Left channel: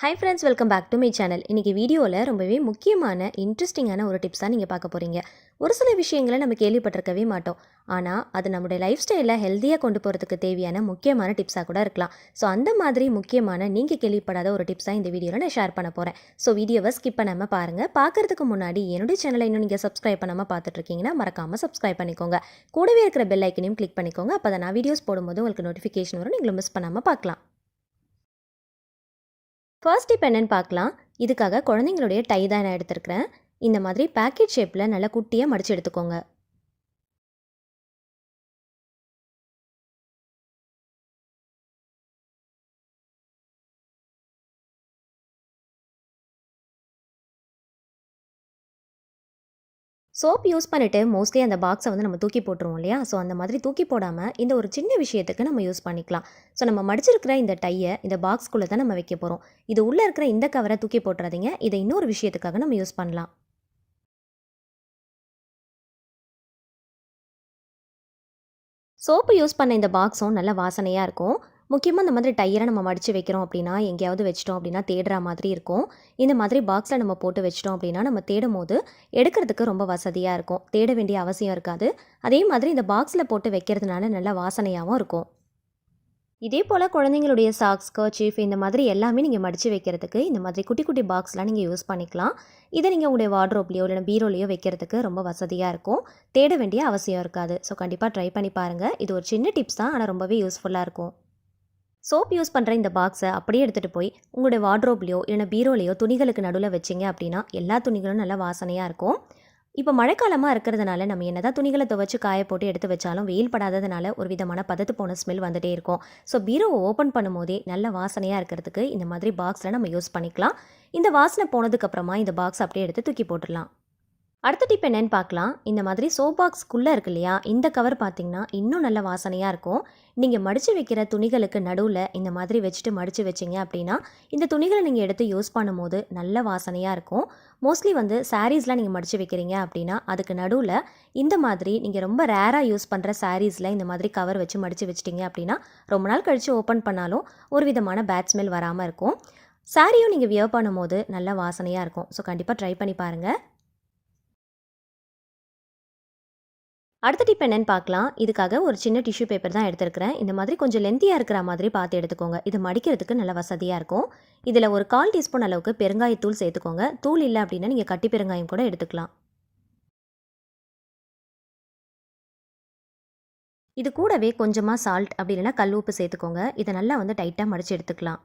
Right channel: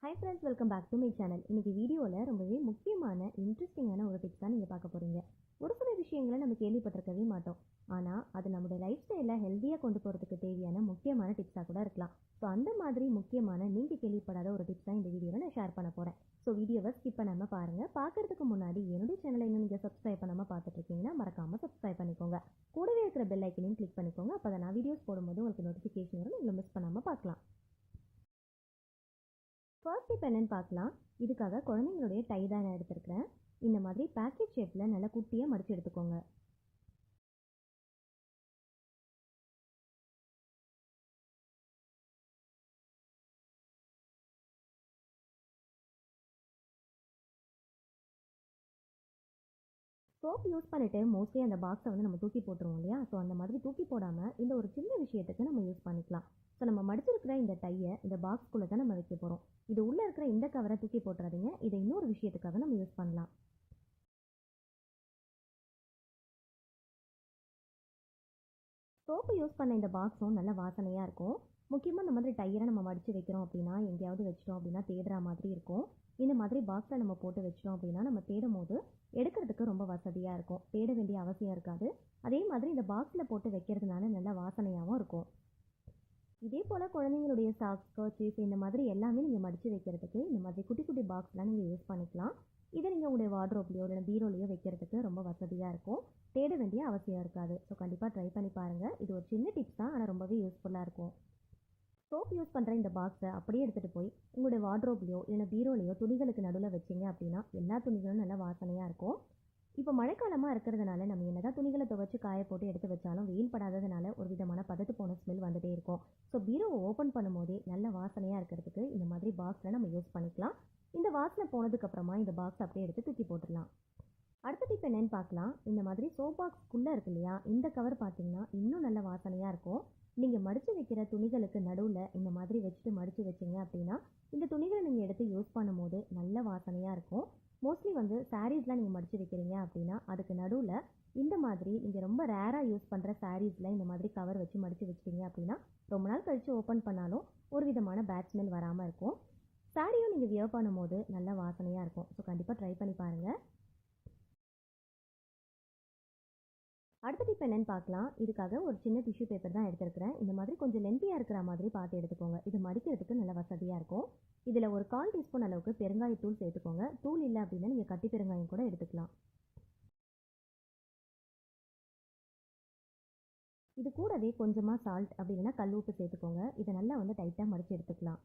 Hi friends, welcome back to my channel. இன்றைக்கி வீடியோவில் ரொம்பவே முக்கியமான இன்ட்ரெஸ்டிங்கான ஒரு டிப்ஸ் தான் நீங்கள் பார்க்க போகிறீங்க. ஒரு சில விஷயங்களை நம்ம கேள்விப்பட்டிருக்கவே மாட்டோம். ஆனால் அது நம்முடைய லைஃப் ஸ்டைலில் ஹெல்த்தியாக கொண்டு போகிறதுக்கு தேவையான முக்கியமான டிப்ஸாக கூட இருக்கலாம். ஸோ அந்த மாதிரி முக்கியமான நீங்கள் கேள்விப்படாத ஒரு டிப்ஸாக இந்த வீடியோவில் நான் ஷேர் பண்ண போகிறேன். ஸோ வீடியோவை ஸ்கிப் பண்ணாமல் பாருங்கள். பார்க்குறதுக்கு முன்னாடி என்னுடைய சேனலை இன்னும் நீங்கள் சப்ஸ்கிரைப் பண்ணாமல் பார்த்துட்ருக்கீங்கன்னா மறக்காமல் சப்ஸ்கிரைப் பண்ணிக்கோங்க. கூடவே இருக்கிற பெல் ஐக்கனையும் கிளிக் பண்ணிக்கோங்க. அப்போ தான் நான் வீடியோஸ் போடும்போது உங்களுக்கு நோட்டிஃபிகேஷன் வரும், நீங்களும் மிஸ் பண்ணாமல் பார்க்கலாம். ஃபர்ஸ்ட் டிப் என்னன்னு பார்க்கலாம். இதுக்காக குழந்தைங்களுடைய டை தான் நான் எடுத்துருக்கிறேன். இந்த மாதிரி பேக்கெட் ஷேப்பில் நல்லா குட்டியாக மடித்து எடுத்துக்கோங்க. சோப் யூஸ் பண்ணிவிட்டு மோஸ்ட்லி அந்த பாக்ஸை வந்து நம்ம தூக்கி போட்டுருவோம் இல்லையா? ஸோ அந்த மாதிரி தூக்கி போடாமல் இந்த ஒரு சின்ன விஷயத்துக்கு நம்ம யூஸ் பண்ணிக்கலாம். ஸோ நம்ம மடிச்சிருக்கிற இந்த டையை இந்த பாக்ஸ்குள்ளே தான் நம்ம வைக்க போகிறோம். இது உள்ளே இருக்கிற இந்த கவரை தூக்கி போட்டுறாதீங்க. இதை இன்னொரு விஷயத்துக்காக நம்ம யூஸ் பண்ணலாம். சோப்பு யூஸ் பண்ண இந்த பாக்ஸும் நல்ல வாசனையாக இருக்கும். முக்கியமாக இந்த மாதிரி டையரை நம்ம மடித்து வைக்கிறோம் அப்படின்னா, எங்கேயாவது வச்சிட்டோம் அப்படின்னா தேடுற மாதிரி இருக்கும். இந்த மாதிரி பாக்ஸில் நம்ம போட்டு வச்சிட்டோம் அப்படின்னா, நம்ம தேடும் போது எடுக்கிறதுக்கு ரொம்ப வசதியாக இருக்கும். தேட வேண்டிய அவசியம் இருக்காது. அதே மாதிரி இந்த பாக்ஸில் போட்டு வைக்கிறதுனால நல்ல வாசனையாகவும் இருக்கும். இதே போல் குழந்தைங்களுடைய சாக்ஸ், கர்ச்சீஃப் இந்த மாதிரி எல்லாமே நீங்கள் மடித்து வைக்கிறதுக்கு இந்த மாதிரி குட்டி குட்டி பாக்ஸ்லாம் நீங்கள் யூஸ் பண்ணிக்கலாம். இதை நீங்கள் உங்களுடைய வார்ட்ரோப்லேயோ இல்லைனா பீரோலையோ வைக்கிறதுக்கு ரொம்ப வசதியாக இருக்கும். தேட வேண்டிய அவசியம் இருக்காது. ஸோ கண்டிப்பாக ட்ரை பண்ணி பாருங்கள். இது ஒரு சின்ன டிப்ஸ் தான், ஆனால் ரொம்பவே யூஸ்ஃபுல்லாக இருக்கும். சோப் யூஸ் பண்ணுற இந்த பாக்ஸை அப்படியே எடுத்துகிட்டு போய் உங்களுடைய வார்ட்ரோப்லேயோ இல்லைனா பீரோலையோ துணிகளுக்கு நடுவில் வச்சிங்க அப்படின்னா எல்லா துணிகளும் நல்லா வாசனையாக இருக்கும். இப்போ மழைக்காலமாக இருக்கிறதுனால நம்ம என்னதான் துணிகளை துவைச்சு காய போட்டு எடுத்து வச்சாலும் வெயில் படாததுனால ஒரு விதமான பதத்து போன ஸ்மெல் வந்துட்டே இருக்கும். ஸோ பீரோவை ஓப்பன் பண்ணும்போதே நல்ல வாசனையாக இருக்கிறதுக்கு இந்த மாதிரி பாக்ஸில் நம்ம யூஸ் பண்ணிக்கலாம். இந்த வாசனை போனதுக்கப்புறமா இந்த பாக்ஸ் அப்படியே எடுத்து தூக்கி போட்டுடலாம். அடுத்த டிப் என்னன்னு பார்க்கலாம். இந்த மாதிரி சோப் பாக்ஸ்க்குள்ளே இருக்கு இல்லையா, இந்த கவர் பார்த்தீங்கன்னா இன்னும் நல்ல வாசனையாக இருக்கும். நீங்கள் மடித்து வைக்கிற துணிகளுக்கு நடுவில் இந்த மாதிரி வச்சுட்டு மடித்து வச்சிங்க அப்படின்னா இந்த துணிகளை நீங்கள் எடுத்து யூஸ் பண்ணும்போது நல்ல வாசனையாக இருக்கும். மோஸ்ட்லி வந்து சாரீஸ்லாம் நீங்கள் மடித்து வைக்கிறீங்க அப்படின்னா அதுக்கு நடுவில் இந்த மாதிரி நீங்கள் ரொம்ப ரேராக யூஸ் பண்ணுற சாரீஸில் இந்த மாதிரி கவர் வச்சு மடித்து வச்சிட்டிங்க அப்படின்னா ரொம்ப நாள் கழித்து ஓப்பன் பண்ணாலும் ஒரு விதமான பேட் ஸ்மெல் வராமல் இருக்கும். சாரியும் நீங்கள் வியர் பண்ணும்போது நல்ல வாசனையாக இருக்கும். ஸோ கண்டிப்பாக ட்ரை பண்ணி பாருங்கள். அடுத்த டிப் என்னன்னு பார்க்கலாம். இதுக்காக ஒரு சின்ன டிஷ்யூ பேப்பர் தான் எடுத்துருக்கிறேன். இந்த மாதிரி கொஞ்சம் லென்த்தியாக இருக்கிற மாதிரி பார்த்து எடுத்துக்கோங்க. இது மடிக்கிறதுக்கு நல்ல வசதியாக இருக்கும். இதில் ஒரு 1/4 டீஸ்பூன் அளவுக்கு பெருங்காயத்தூள் சேர்த்துக்கோங்க. தூள் இல்லை அப்படின்னா நீங்கள் கட்டி பெருங்காயம் கூட எடுத்துக்கலாம். இது கூடவே கொஞ்சமாக சால்ட் அப்படி இல்லைன்னா கல் உப்பு சேர்த்துக்கோங்க. இதை நல்லா வந்து டைட்டாக மடித்து எடுத்துக்கலாம்.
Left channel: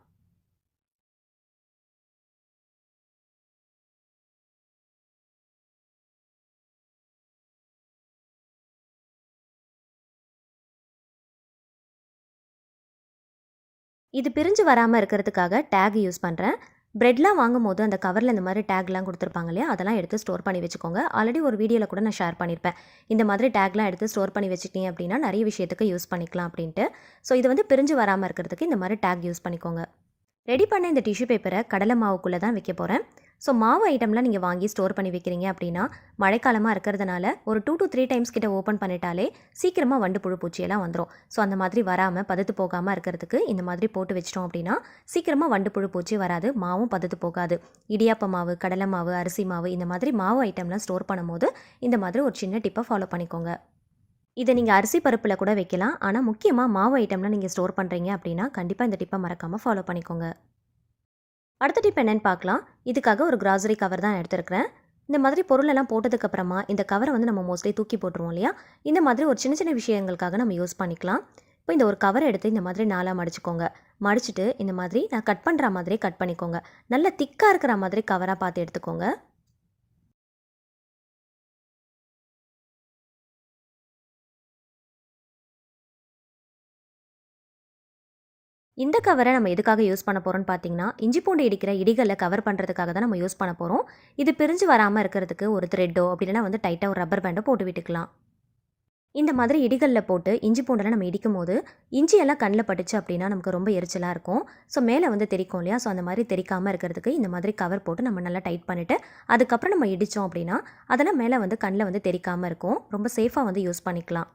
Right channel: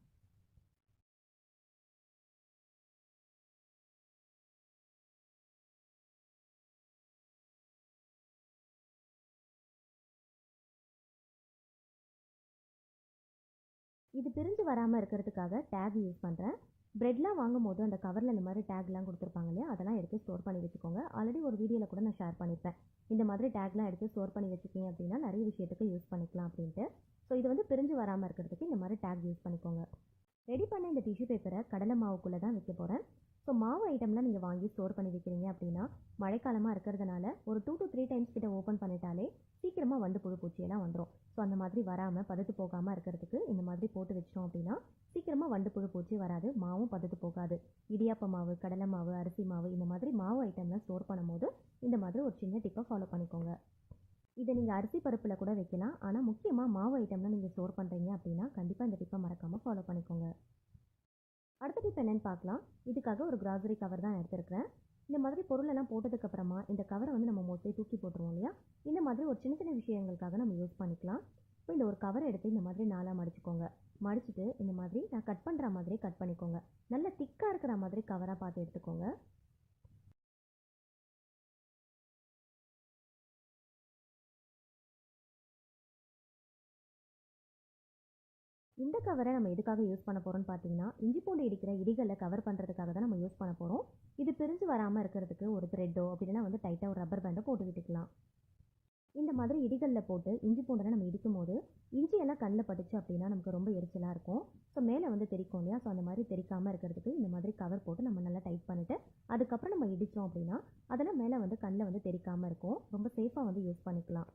இது பிரிஞ்சு வராமல் இருக்கிறதுக்காக டேக் யூஸ் பண்ணுறேன். பிரெட்லாம் வாங்கும்போது அந்த கவரில் இந்த மாதிரி டேக்லாம் கொடுத்துருப்பாங்க இல்லையா, அதெல்லாம் எடுத்து ஸ்டோர் பண்ணி வச்சுக்கோங்க. ஆல்ரெடி ஒரு வீடியோவில் கூட நான் ஷேர் பண்ணியிருப்பேன். இந்த மாதிரி டேக்லாம் எடுத்து ஸ்டோர் பண்ணி வச்சுக்கிட்டீங்க அப்படின்னா நிறைய விஷயத்துக்கு யூஸ் பண்ணிக்கலாம் அப்படின்ட்டு. ஸோ இது வந்து பிரிஞ்சு வராமல் இருக்கிறதுக்கு இந்த மாதிரி டேக் யூஸ் பண்ணிக்கோங்க. ரெடி பண்ண இந்த டிஷ்யூ பேப்பரை கடலை மாவுக்குள்ளே தான் வைக்க போகிறேன். ஸோ மாவு ஐட்டம்லாம் நீங்கள் வாங்கி ஸ்டோர் பண்ணி வைக்கிறீங்க அப்படின்னா மழைக்காலமாக இருக்கிறதுனால ஒரு 2 to 3 டைம்ஸ் கிட்ட ஓப்பன் பண்ணிட்டாலே சீக்கிரமாக வண்டு புழு பூச்சியெல்லாம் வந்துடும். ஸோ அந்த மாதிரி வராமல் பதத்து போகாமல் இருக்கிறதுக்கு இந்த மாதிரி போட்டு வச்சிட்டோம் அப்படின்னா சீக்கிரமாக வண்டு புழு பூச்சி வராது, மாவும் பதத்து போகாது. இடியாப்ப மாவு, கடலை மாவு, அரிசி மாவு இந்த மாதிரி மாவு ஐட்டம்லாம் ஸ்டோர் பண்ணும்போது இந்த மாதிரி ஒரு சின்ன டிப்பை ஃபாலோ பண்ணிக்கோங்க. இதை நீங்கள் அரிசி பருப்பில் கூட வைக்கலாம். ஆனால் முக்கியமாக மாவு ஐட்டம்லாம் நீங்கள் ஸ்டோர் பண்ணுறீங்க அப்படின்னா கண்டிப்பாக இந்த டிப்பை மறக்காமல் ஃபாலோ பண்ணிக்கோங்க. அடுத்த டிப் என்னன்னு பார்க்கலாம். இதுக்காக ஒரு கிராசரி கவர் தான் எடுத்துருக்கிறேன். இந்த மாதிரி பொருளெல்லாம் போட்டதுக்கப்புறமா இந்த கவரை வந்து நம்ம மோஸ்ட்லி தூக்கி போட்டுருவோம் இல்லையா, இந்த மாதிரி ஒரு சின்ன சின்ன விஷயங்களுக்காக நம்ம யூஸ் பண்ணிக்கலாம். இப்போ இந்த ஒரு கவரை எடுத்து இந்த மாதிரி 4ஆக மடிச்சுக்கோங்க. மடிச்சுட்டு இந்த மாதிரி நான் கட் பண்ணுற மாதிரி கட் பண்ணிக்கோங்க. நல்ல திக்காக இருக்கிற மாதிரி கவராக பார்த்து எடுத்துக்கோங்க. இந்த கவரை நம்ம எதுக்காக யூஸ் பண்ண போகிறோம்னு பார்த்தீங்கன்னா, இஞ்சி பூண்டு இடிக்கிற இடிகளை கவர் பண்ணுறதுக்காக தான் நம்ம யூஸ் பண்ண போகிறோம். இது பிரிஞ்சு வராமல் இருக்கிறதுக்கு ஒரு த்ரெட்டோ அப்படி இல்லைனா வந்து டைட்டாக ஒரு ரப்பர் பேண்டோ போட்டு விட்டுக்கலாம். இந்த மாதிரி இடிகளில் போட்டு இஞ்சி பூண்டெல்லாம் நம்ம இடிக்கும் போது இஞ்சியெல்லாம் கண்ணில் பட்டுச்சு அப்படின்னா நமக்கு ரொம்ப எரிச்சலாக இருக்கும். ஸோ மேலே வந்து தெரிக்கும் இல்லையா, ஸோ அந்த மாதிரி தெரிக்காமல் இருக்கிறதுக்கு இந்த மாதிரி கவர் போட்டு நம்ம நல்லா டைட் பண்ணிவிட்டு அதுக்கப்புறம் நம்ம இடித்தோம் அப்படின்னா அதெல்லாம் மேலே வந்து கண்ணில் வந்து தெரிக்காமல் இருக்கும். ரொம்ப சேஃபாக வந்து யூஸ் பண்ணிக்கலாம்.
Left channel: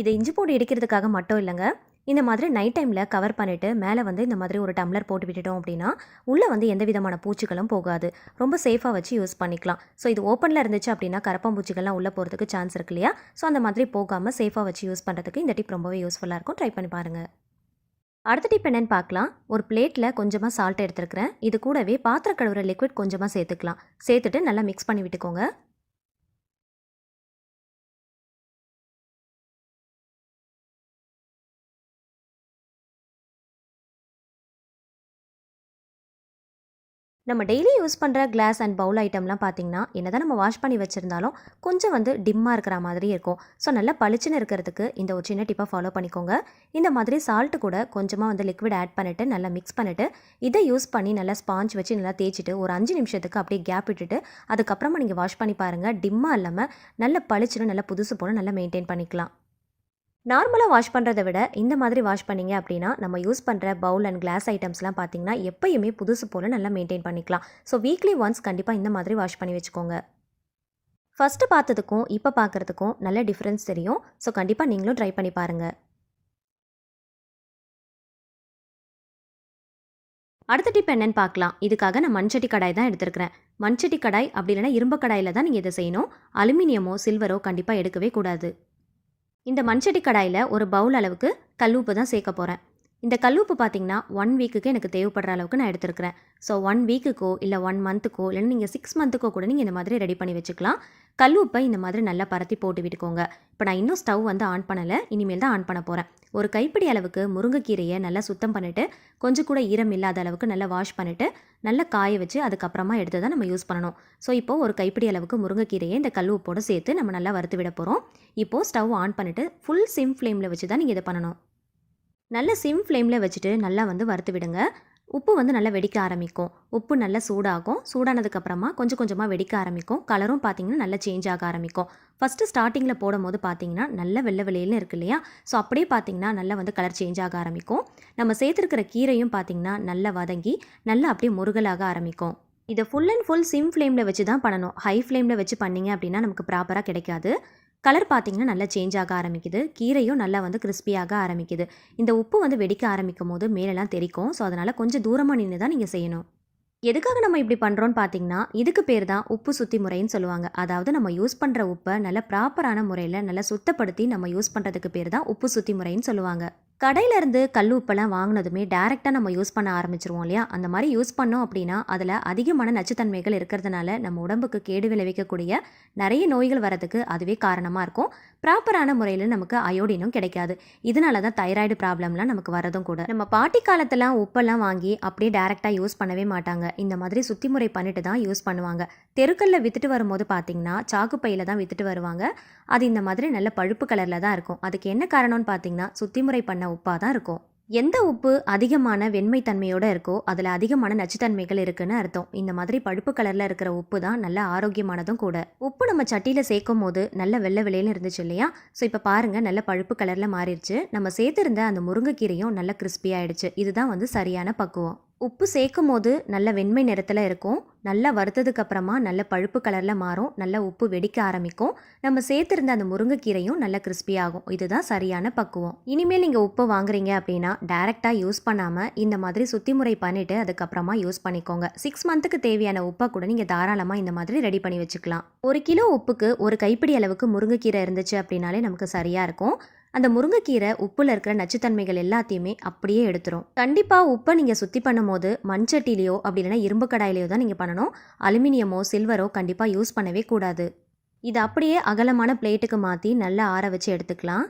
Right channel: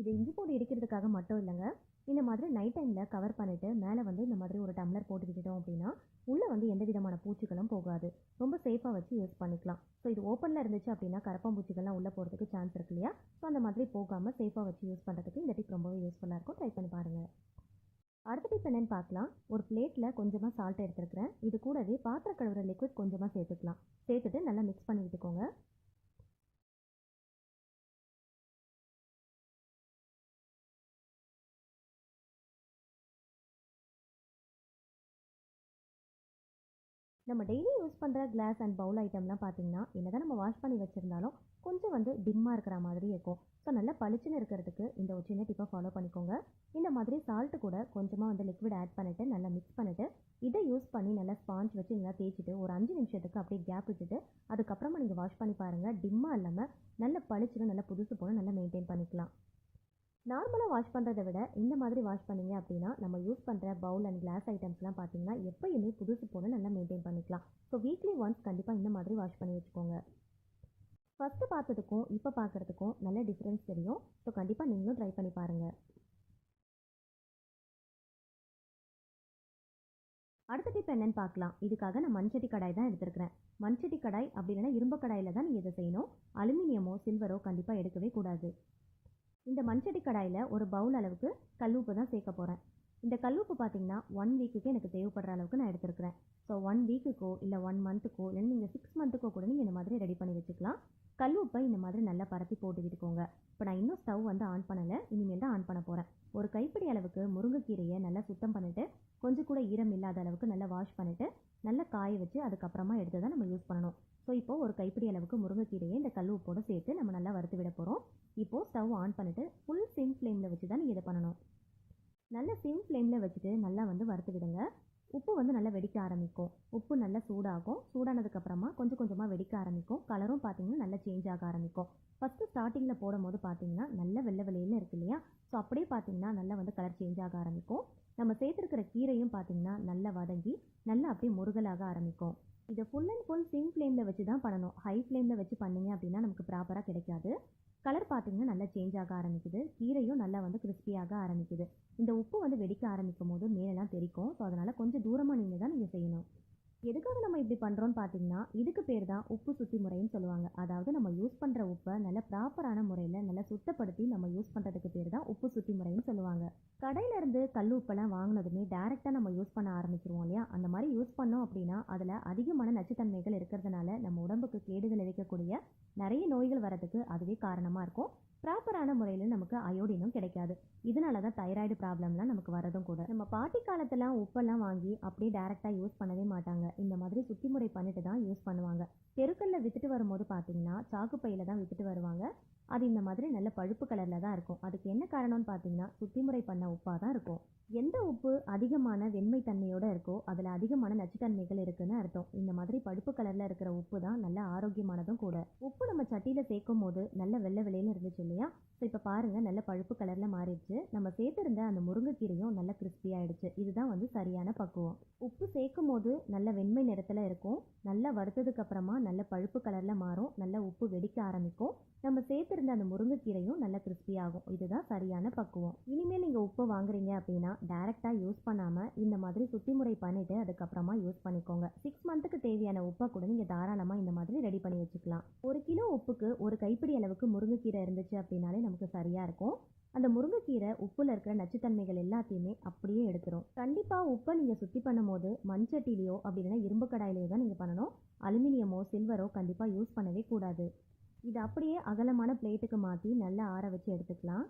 இது இஞ்சி பூண்டு இடிக்கிறதுக்காக மட்டும் இல்லைங்க. இந்த மாதிரி நைட் டைமில் கவர் பண்ணிவிட்டு மேலே வந்து இந்த மாதிரி ஒரு டம்ளர் போட்டு விட்டுட்டோம் அப்படின்னா உள்ளே வந்து எந்த விதமான பூச்சிகளும் போகாது. ரொம்ப சேஃபாக வச்சு யூஸ் பண்ணிக்கலாம். ஸோ இது ஓப்பனில் இருந்துச்சு அப்படின்னா கரப்பாம்பூச்சிகள்லாம் உள்ளே போகிறதுக்கு சான்ஸ் இருக்கு இல்லையா? ஸோ அந்த மாதிரி போகாமல் சேஃபாக வச்சு யூஸ் பண்ணுறதுக்கு இந்த டிப் ரொம்பவே யூஸ்ஃபுல்லாக இருக்கும். ட்ரை பண்ணி பாருங்கள். அடுத்த டிப் என்னென்னு பார்க்கலாம். ஒரு பிளேட்டில் கொஞ்சமாக சால்ட் எடுத்துருக்கிறேன். இது கூடவே பாத்திர கழுவுற லிக்விட் கொஞ்சமாக சேர்த்துக்கலாம். சேர்த்துட்டு நல்லா மிக்ஸ் பண்ணி விட்டுக்கோங்க. நம்ம டெய்லி யூஸ் பண்ணுற கிளாஸ் அண்ட் பவுல் ஐட்டம்லாம் பார்த்தீங்கன்னா என்னதான் நம்ம வாஷ் பண்ணி வச்சுருந்தாலும் கொஞ்சம் வந்து டிம்மாக இருக்கிற மாதிரி இருக்கும். ஸோ நல்லா பளிச்சுன்னு இருக்கிறதுக்கு இந்த ஒரு சின்ன டிப்பை ஃபாலோ பண்ணிக்கோங்க. இந்த மாதிரி சால்ட்டு கூட கொஞ்சமாக வந்து லிக்விட் ஆட் பண்ணிவிட்டு நல்லா மிக்ஸ் பண்ணிவிட்டு இதை யூஸ் பண்ணி நல்லா ஸ்பாஞ்ச் வச்சு நல்லா தேய்ச்சிட்டு ஒரு 5 நிமிஷத்துக்கு அப்படியே கேப் விட்டுட்டு அதுக்கப்புறமா நீங்கள் வாஷ் பண்ணி பாருங்கள். டிம்மாக இல்லாமல் நல்ல பளிச்சுன்னு நல்லா புதுசு போல் நல்லா மெயின்டைன் பண்ணிக்கலாம். நார்மலாக வாஷ் பண்ணுறத விட இந்த மாதிரி வாஷ் பண்ணிங்க அப்படின்னா நம்ம யூஸ் பண்ணுற பவுல் அண்ட் கிளாஸ் ஐட்டம்ஸ்லாம் பார்த்தீங்கன்னா எப்பயுமே புதுசு போல் நல்லா மெயின்டைன் பண்ணிக்கலாம். ஸோ வீக்லி ஒன்ஸ் கண்டிப்பாக இந்த மாதிரி வாஷ் பண்ணி வச்சுக்கோங்க. ஃபஸ்ட்டு பார்த்ததுக்கும் இப்போ பார்க்குறதுக்கும் நல்ல டிஃப்ரென்ஸ் தெரியும். ஸோ கண்டிப்பாக நீங்களும் ட்ரை பண்ணி பாருங்கள். அடுத்த டிப் என்னென்னு பார்க்கலாம். இதுக்காக நான் மண்சட்டி கடாய் தான் எடுத்துருக்கிறேன். மண்சட்டி கடாய் அப்படி இல்லைனா இரும்பு கடாயில் தான் நீங்கள் இதை செய்யணும். அலுமினியமோ சில்வரோ கண்டிப்பாக எடுக்கவே கூடாது. இந்த மண்சட்டி கடாயில் ஒரு பவுல் அளவுக்கு கல்லுப்பு தான் சேர்க்க போகிறேன். இந்த கல்லுப்பு பார்த்தீங்கன்னா 1 வீக்குக்கு எனக்கு தேவைப்படுற அளவுக்கு நான் எடுத்துருக்கிறேன். ஸோ 1 வீக்குக்கோ இல்லை 1 மந்த்துக்கோ இல்லைன்னா நீங்கள் 6 மந்த்துக்கோ கூட நீங்கள் இந்த மாதிரி ரெடி பண்ணி வச்சுக்கலாம். கல்லுப்பை இந்த மாதிரி நல்லா பரத்தி போட்டு விட்டுக்கோங்க. இப்போ நான் இன்னும் ஸ்டவ் வந்து ஆன் பண்ணலை, இனிமேல் தான் ஆன் பண்ண போகிறேன். ஒரு கைப்பிடி அளவுக்கு முருங்கைக்கீரையை நல்லா சுத்தம் பண்ணிவிட்டு கொஞ்சம் கூட ஈரம் இல்லாத அளவுக்கு நல்லா வாஷ் பண்ணிவிட்டு நல்லா காய வச்சு அதுக்கப்புறமா எடுத்து தான் நம்ம யூஸ் பண்ணணும். ஸோ இப்போது ஒரு கைப்பிடி அளவுக்கு முருங்கைக்கீரையை இந்த கல்லுப்போடு சேர்த்து நம்ம நல்லா வறுத்து விட போகிறோம். இப்போது ஸ்டவ் ஆன் பண்ணிவிட்டு ஃபுல் சிம் ஃப்ளேமில் வச்சு தான் நீங்கள் இதை பண்ணணும். நல்ல சிம் ஃப்ளேமில் வச்சுட்டு நல்லா வந்து வறுத்து விடுங்க. உப்பு வந்து நல்லா வெடிக்க ஆரம்பிக்கும். உப்பு நல்லா சூடாகும். சூடானதுக்கப்புறமா கொஞ்சம் கொஞ்சமாக வெடிக்க ஆரம்பிக்கும். கலரும் பார்த்தீங்கன்னா நல்லா சேஞ்ச் ஆக ஆரம்பிக்கும். ஃபஸ்ட்டு ஸ்டார்டிங்கில் போடும் போது பார்த்தீங்கன்னா நல்ல வெள்ளை வெளியில்னு இருக்கு இல்லையா? ஸோ அப்படியே பார்த்தீங்கன்னா நல்லா வந்து கலர் சேஞ்ச் ஆக ஆரம்பிக்கும். நம்ம சேர்த்துருக்கிற கீரையும் பார்த்தீங்கன்னா நல்லா வதங்கி நல்லா அப்படியே முருகலாக ஆரம்பிக்கும். இதை ஃபுல் அண்ட் ஃபுல் சிம் ஃப்ளேமில் வச்சு தான் பண்ணணும். ஹை ஃப்ளேமில் வச்சு பண்ணிங்க அப்படின்னா நமக்கு ப்ராப்பராக கிடைக்காது. கலர் பார்த்திங்கன்னா நல்லா சேஞ்ச் ஆக ஆரம்பிக்குது. கீரையும் நல்லா வந்து கிறிஸ்பியாக ஆரம்பிக்குது. இந்த உப்பு வந்து வெடிக்க ஆரம்பிக்கும் போது மேலெல்லாம் தெரிக்கும். ஸோ அதனால் கொஞ்சம் தூரமாக நின்று தான் நீங்கள் செய்யணும். எதுக்காக நம்ம இப்படி பண்ணுறோன்னு பார்த்தீங்கன்னா இதுக்கு பேர் தான் உப்பு சுத்தி முறைன்னு சொல்லுவாங்க. அதாவது நம்ம யூஸ் பண்ணுற உப்பை நல்ல ப்ராப்பரான முறையில் நல்லா சுத்தப்படுத்தி நம்ம யூஸ் பண்ணுறதுக்கு பேர் தான் உப்பு சுத்தி முறைன்னு சொல்லுவாங்க. கடையிலேருந்து கல் உப்பெல்லாம் வாங்கினதுமே டேரெக்டாக நம்ம யூஸ் பண்ண ஆரம்பிச்சிருவோம் இல்லையா? அந்த மாதிரி யூஸ் பண்ணோம் அப்படின்னா அதில் அதிகமான நச்சுத்தன்மைகள் இருக்கிறதுனால நம்ம உடம்புக்கு கேடு விளைவிக்கக்கூடிய நிறைய நோய்கள் வரதுக்கு அதுவே காரணமாக இருக்கும். ப்ராப்பரான முறையில் நமக்கு அயோடினும் கிடைக்காது. இதனால தான் தைராய்டு ப்ராப்ளம்லாம் நமக்கு வரதும் கூட. நம்ம பாட்டி காலத்தெல்லாம் உப்பெல்லாம் வாங்கி அப்படியே டேரெக்டாக யூஸ் பண்ணவே மாட்டாங்க. இந்த மாதிரி சுத்தி முறை பண்ணிட்டு தான் யூஸ் பண்ணுவாங்க. தெருக்கல்ல வித்துட்டு வரும்போது பார்த்தீங்கன்னா சாக்கு பையில் தான் வித்துட்டு வருவாங்க. அது இந்த மாதிரி நல்ல பழுப்பு கலரில் தான் இருக்கும். அதுக்கு என்ன காரணம்னு பார்த்தீங்கன்னா சுத்தி முறை பண்ண உப்பாக தான் இருக்கும். எந்த உப்பு அதிகமான வெண்மை தன்மையோடு இருக்கோ அதில் அதிகமான நச்சுத்தன்மைகள் இருக்குன்னு அர்த்தம். இந்த மாதிரி பழுப்பு கலரில் இருக்கிற உப்பு தான் நல்ல ஆரோக்கியமானதும் கூட. உப்பு நம்ம சட்டியில் சேர்க்கும் போது நல்ல வெள்ளை வெள்ளையில இருந்துச்சு இல்லையா? ஸோ இப்போ பாருங்கள் நல்ல பழுப்பு கலரில் மாறிடுச்சு. நம்ம சேர்த்துருந்த அந்த முருங்கைக்கீரையும் நல்ல கிறிஸ்பி ஆயிடுச்சு. இதுதான் வந்து சரியான பக்குவம். உப்பு சேர்க்கும் போது நல்ல வெண்மை நிறத்தில் இருக்கும். நல்லா வறுத்ததுக்கு அப்புறமா நல்ல பழுப்பு கலரில் மாறும். நல்ல உப்பு வெடிக்க ஆரம்பிக்கும். நம்ம சேர்த்துருந்த அந்த முருங்கைக்கீரையும் நல்ல கிறிஸ்பி ஆகும். இதுதான் சரியான பக்குவம். இனிமேல் நீங்கள் உப்பு வாங்குறீங்க அப்படின்னா டைரெக்டாக யூஸ் பண்ணாமல் இந்த மாதிரி சுத்தி முறை பண்ணிவிட்டு அதுக்கப்புறமா யூஸ் பண்ணிக்கோங்க. 6 மந்த்துக்கு தேவையான உப்பை கூட நீங்கள் தாராளமாக இந்த மாதிரி ரெடி பண்ணி வச்சுக்கலாம். 1 கிலோ உப்புக்கு ஒரு கைப்பிடி அளவுக்கு முருங்கைக்கீரை இருந்துச்சு அப்படின்னாலே நமக்கு சரியாக இருக்கும். அந்த முருங்கைக்கீரை உப்புல இருக்கிற நச்சுத்தன்மைகள் எல்லாத்தையுமே அப்படியே எடுத்துரும். கண்டிப்பாக உப்பை நீங்கள் சுத்தி பண்ணும் போது மண்சட்டிலையோ அப்படி இல்லைனா இரும்பு கடாயிலையோ தான் நீங்கள் பண்ணணும். அலுமினியமோ சில்வரோ கண்டிப்பாக யூஸ் பண்ணவே கூடாது. இதை அப்படியே அகலமான பிளேட்டுக்கு மாற்றி நல்லா ஆற வச்சு எடுத்துக்கலாம்.